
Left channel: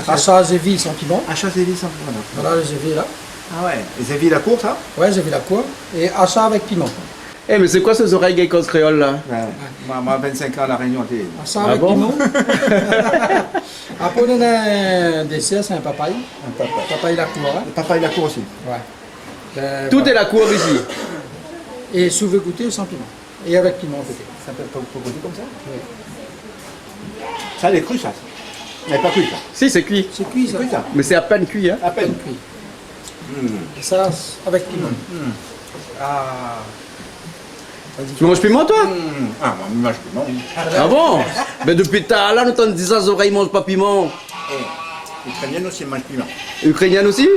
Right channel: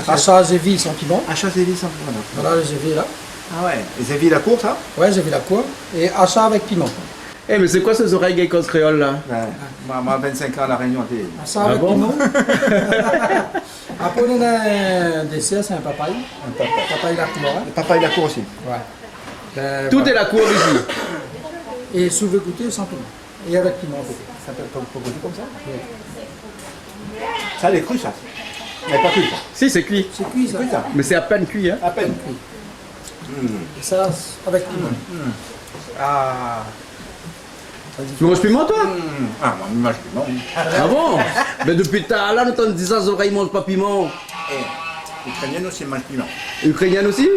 Achar zévi sans piment. Achat Zévi sans Voilà le zévi là. Ah ouais. Zévi la courte, hein? Ouais, zévi la cour. Et achar avec piment. Eh, mais c'est quoi ces oreilles geckos créoles là? Moi, 25 ans à La Réunion. Ça avec piment. Après, on a un dessert, c'est un papaye. Un papaye. Papaye la cour. Hein. Le papaye la cour aussi. Ouais. Tout est la cour ici. Et si vous voulez goûter, sans piment. Et avec piment, peut-être. Ça peut goûter comme ça? Oui. Ça, elle est crue, ça. Elle n'est pas cuite, ça. Si, c'est cuit. C'est cuit, ça. Cuit, ça. Mais c'est à peine cuit, hein. À peine. Cuit. Et ça, avec piment. Ah. Tu manges piment, toi? Ah, moi, je mange piment. Ah bon? Mais depuis tard, là, nous t'en disant les oreilles mangent pas piment. Ukrainienne aussi, elle mange piment. Ukrainienne aussi?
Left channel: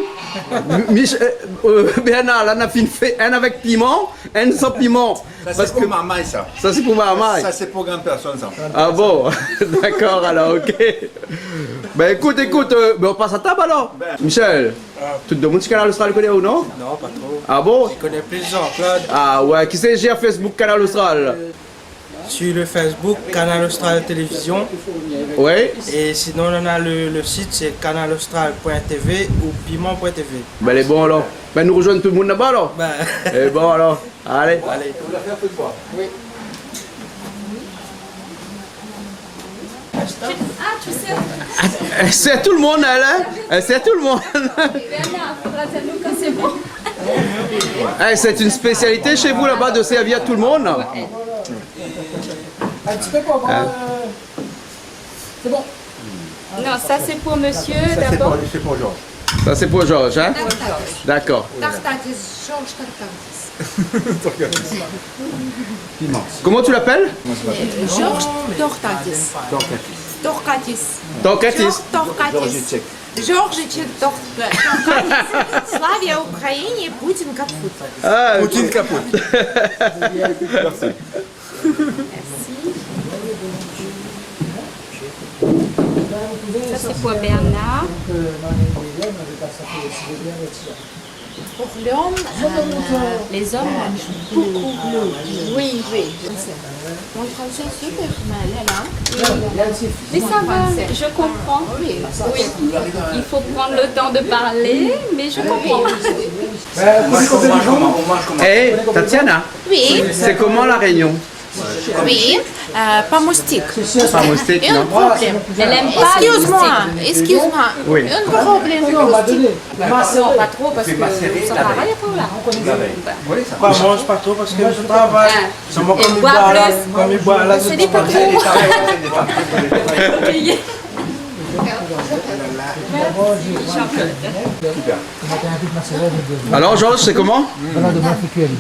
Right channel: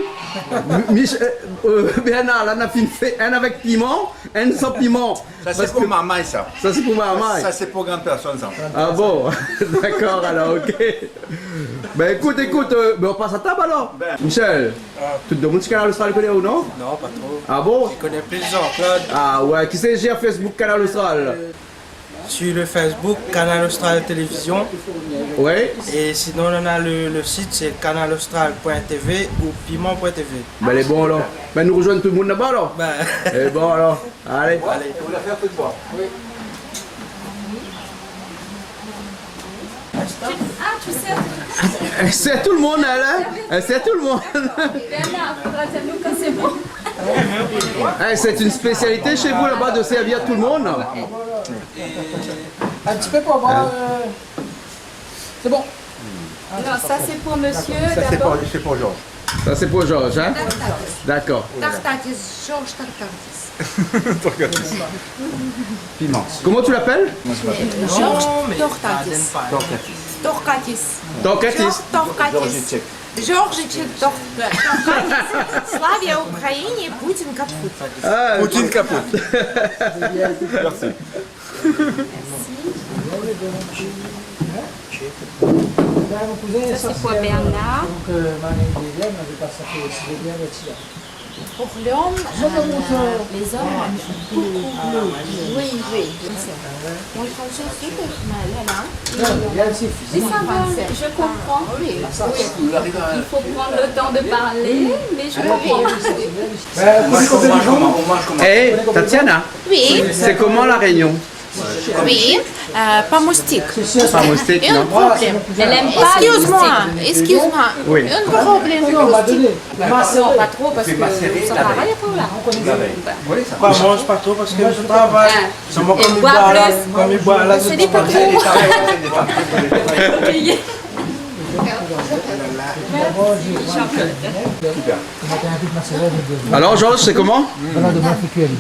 Bernard, là, on a fait un avec piment, un sans piment. Ça, c'est pour maman, ça. Ça, c'est pour ma maman. Ça, c'est pour grande personne, ça. Ah bon? D'accord, alors, ok. Ben écoute, ben, on passe à table alors. Michel, tout le monde qui Canal Austral connaît ou non? Non, pas trop. Ah bon? Je connais plus Jean-Claude. Ah ouais, qui c'est gère Facebook Canal Austral? Sur le Facebook, Canal Austral Télévision. Ouais. Et sinon, on a le site, c'est canalaustral.tv ou piment.tv. Ben les bons alors. Ben nous rejoindre tout le monde là-bas alors. Ben, Et bon alors, allez. allez. On va faire tout de bois. Ah, tu sais, C'est tout le monde elle, hein? C'est tout le monde. Bernard, faudra dire nous quand c'est bon. Eh, c'est une spécialité chez vous là-bas de servir tout le monde. Un petit peu pour voir. C'est bon. Non, ça c'est pour monsieur Ça, d'abord. c'est pour Georges. Ça c'est pour Georges, hein? D'accord. Tartatis, Georges Tartatis. Piment. Comment tu l'appelles? Georges Tortatis. Torkatis. Torkatis. Georges Torkatis. Georges Georges Torkatis. Славя Украине, Путин капут. Ah, Poutine capote. Merci. Ça c'est pour Bernard. Pour l'homme, les hommes mangent beaucoup bleu. Oui, oui. Mon français est super mal, là. Mais ça va, je comprends. Oui. Il faut prendre le temps de parler, mais je comprends. On mange comment? Eh, Tatiana, Oui, c'est comment la Réunion? oui. Pas moustique. Pas moustique, Un non? problème. Elle aime pas les Excuse-moi, moustiques. excuse-moi. Oui. Un problème de moustique. Non, pas trop parce que ça travaille pour là. Oui, ça. Moi, je mange pas trop parce que je travaille. C'est moi Et comme il bois boit là. plus. Comme il boit là, Je dis pas trop. Alors Georges, c'est comment?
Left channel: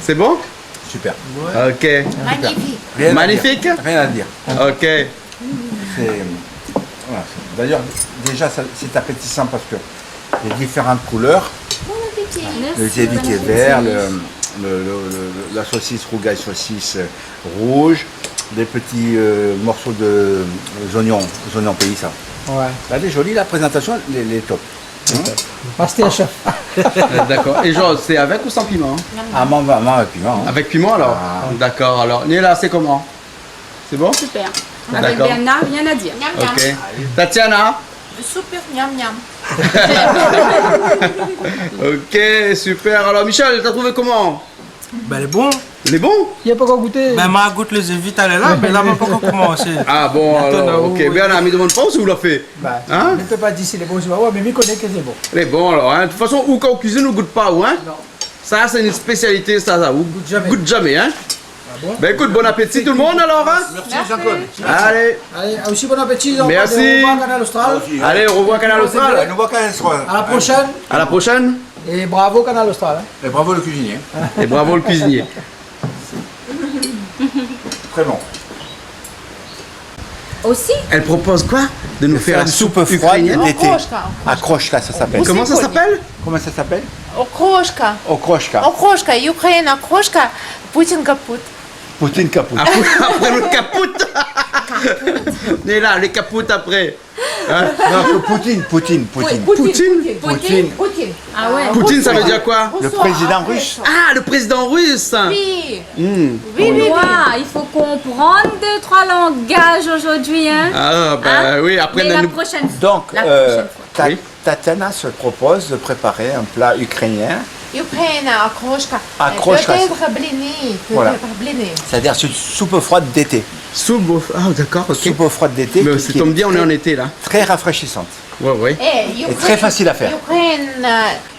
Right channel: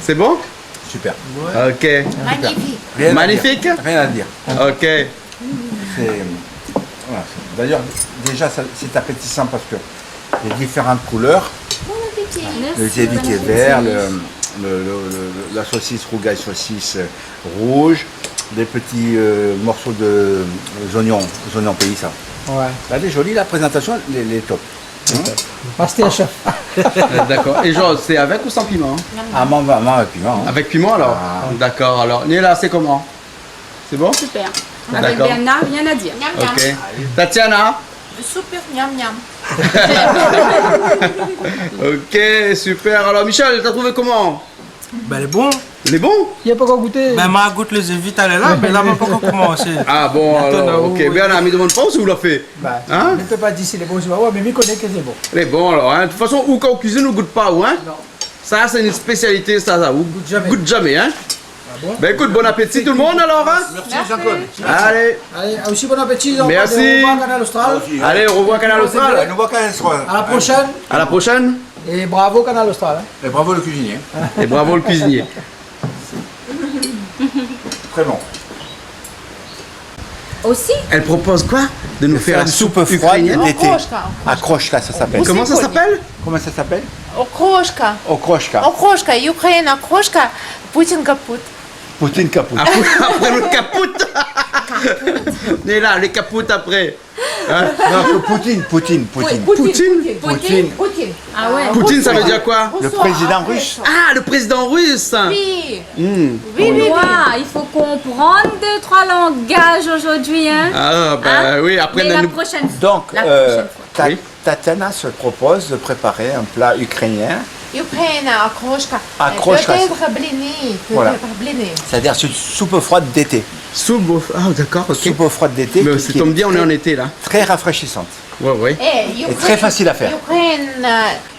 C'est bon? Super. Ok. Magnifique. Rien à Magnifique? dire. Rien à dire. Ok. C'est- voilà. D'ailleurs, déjà, c'est appétissant parce que les différentes couleurs, le zébi qui est vert, la saucisse rougaille, saucisse rouge, des petits morceaux de oignons pays, ça. Ouais. Elle est jolie, la présentation, les top. Masterchef. D'accord. Et Georges, c'est avec ou sans piment? Ah, maman, avec piment. Hein. Avec piment alors? D'accord. Alors, Néla, c'est comment? C'est bon? Super. Avec D'accord. Bernard, rien à dire. Miam, miam. Ok. Tatiana? Super, miam, miam. Ok, super. Alors Michel, t'as trouvé comment? Ben, elle est bon. Il est bon? Il n'y a pas encore goûté. Ben, ma goûte les vite elle est là, mais là, on va pas encore commencer. Ah bon, alors, ok. Bernard, me demande pas si vous l'a fait. Bah, Hein? je ne peux pas dire si c'est bon ou pas. Ouais, mais je connais que c'est bon. Il est bon alors, hein. De toute façon, ou quand on cuisine, on goûte pas, ou, hein? Non. Ça, c'est une spécialité, ça. Ou Goûte jamais. goûte jamais, hein? bon? Ben écoute, bon appétit tout le monde alors, hein? Merci, Jean-Claude. Allez, Allez, aussi bon appétit. Merci. Au revoir, Canal Austral. allez, au revoir Canal Austral. Nous voit quand même soir. À la prochaine. À la prochaine. Et bravo, Canal Austral. Hein. Et bravo le cuisinier. Et bravo le cuisinier. Très bon. Aussi, Elle propose quoi? De nous faire Une une soupe froide ukrainienne. d'été. Окрошка. Akroshka, ça s'appelle. Comment ça s'appelle? Comment ça s'appelle? Окрошка. Okroshka. Окрошка. Украine, окрошка. Путин капут. Poutine capote. Après le capoute. On est là, les capoutes après. Hein? Non, Poutine. Poutine? Poutine. ah ouais. Poutine, ça veut dire quoi? Le président russe. Ah, le président russe. Oui. Hmm. Oui. Ouah, il faut comprendre 2-3 langages aujourd'hui, hein. Ah, bah Hein? oui, après Mais la nous- prochaine fois. Donc, La prochaine fois. Tatiana se propose de préparer un plat ukrainien Ukraine, окрошка. Окрошка. Peut-être blini. Voilà. Peut-être blini. C'est-à-dire c'est une soupe froide d'été. Soupe, ah d'accord, ok. Soupe froide d'été. Mais qui ça est tombe bien, on est en été là. Très rafraîchissante. Ouais. Et très facile à faire.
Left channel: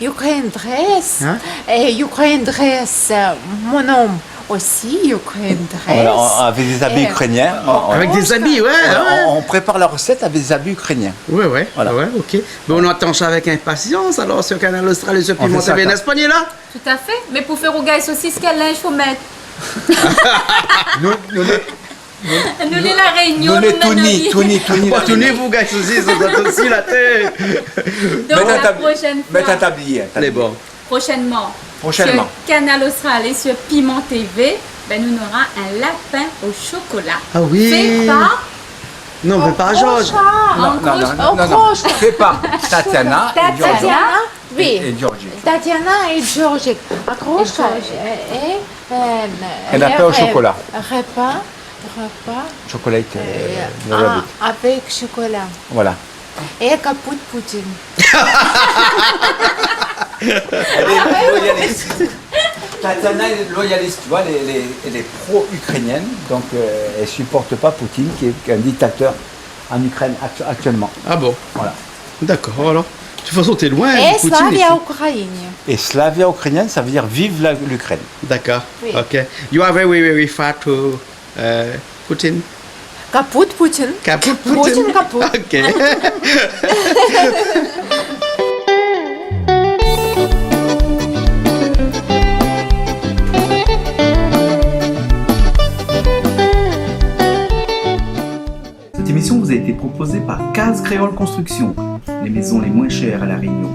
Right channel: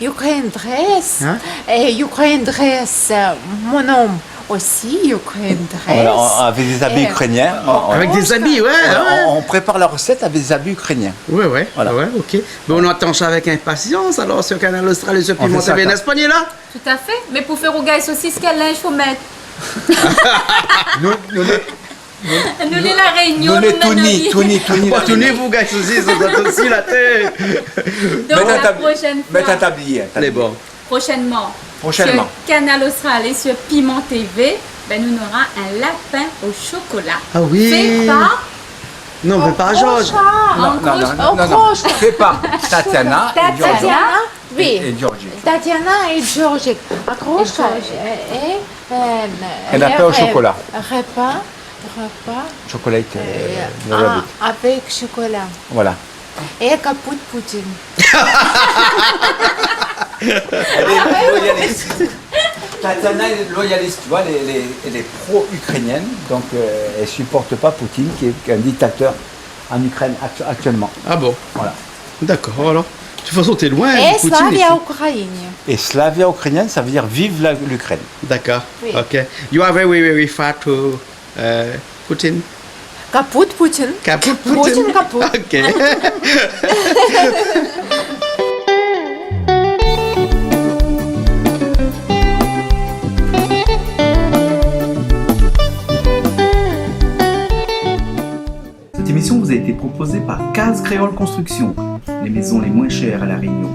Ukraine dress. Hein? Et Ukraine dress. Mon homme aussi, Ukraine dress. Voilà, avec des habits ukrainiens. Avec des habits, ouais. On prépare la recette avec des habits ukrainiens. Ouais, Voilà. ouais, ok. Mais on attend ça avec impatience alors sur Canal Austral et sur On fait Piment ça, TV, quoi. n'est-ce pas, là? Tout à fait. Mais pour faire rougaille saucisse, quel linge faut mettre? Nous, Nous, la Réunion, nous les Touni. Tournez vous, gars, aussi, ça doit aussi la tête. Donc la prochaine Mets ta fois, tablier. Allez, bon. prochainement, Prochainement. sur Canal Austral et sur Piment TV, ben, nous aurons un lapin au chocolat. Ah oui. Fait par Non, mais pas Georges. Non. Fait par Tatiana et Georgia. Tatiana, oui. Et Georgie. Tatiana et Georgie. Окрошка Et lapin au chocolat. Repas. Chocolat de rabbit. Avec chocolat. Voilà. Et capote Poutine. Elle est loyaliste. Tatiana est loyaliste, tu vois, elle est pro-ukrainienne, donc elle ne supporte pas Poutine, qui est un dictateur en Ukraine actuellement. Ah bon. Voilà. D'accord, alors. De toute façon, t'es loin. Et Poutine, Slavia ici. Ukraine. Et Slavia ukrainienne, ça veut dire vive l'Ukraine. D'accord. Oui. Ok. You are very, very far to Putin. Capote Poutine. Caput Poutine capote. Ok. Cette émission vous a été proposée par Case Créole Construction, les maisons les moins chères à La Réunion.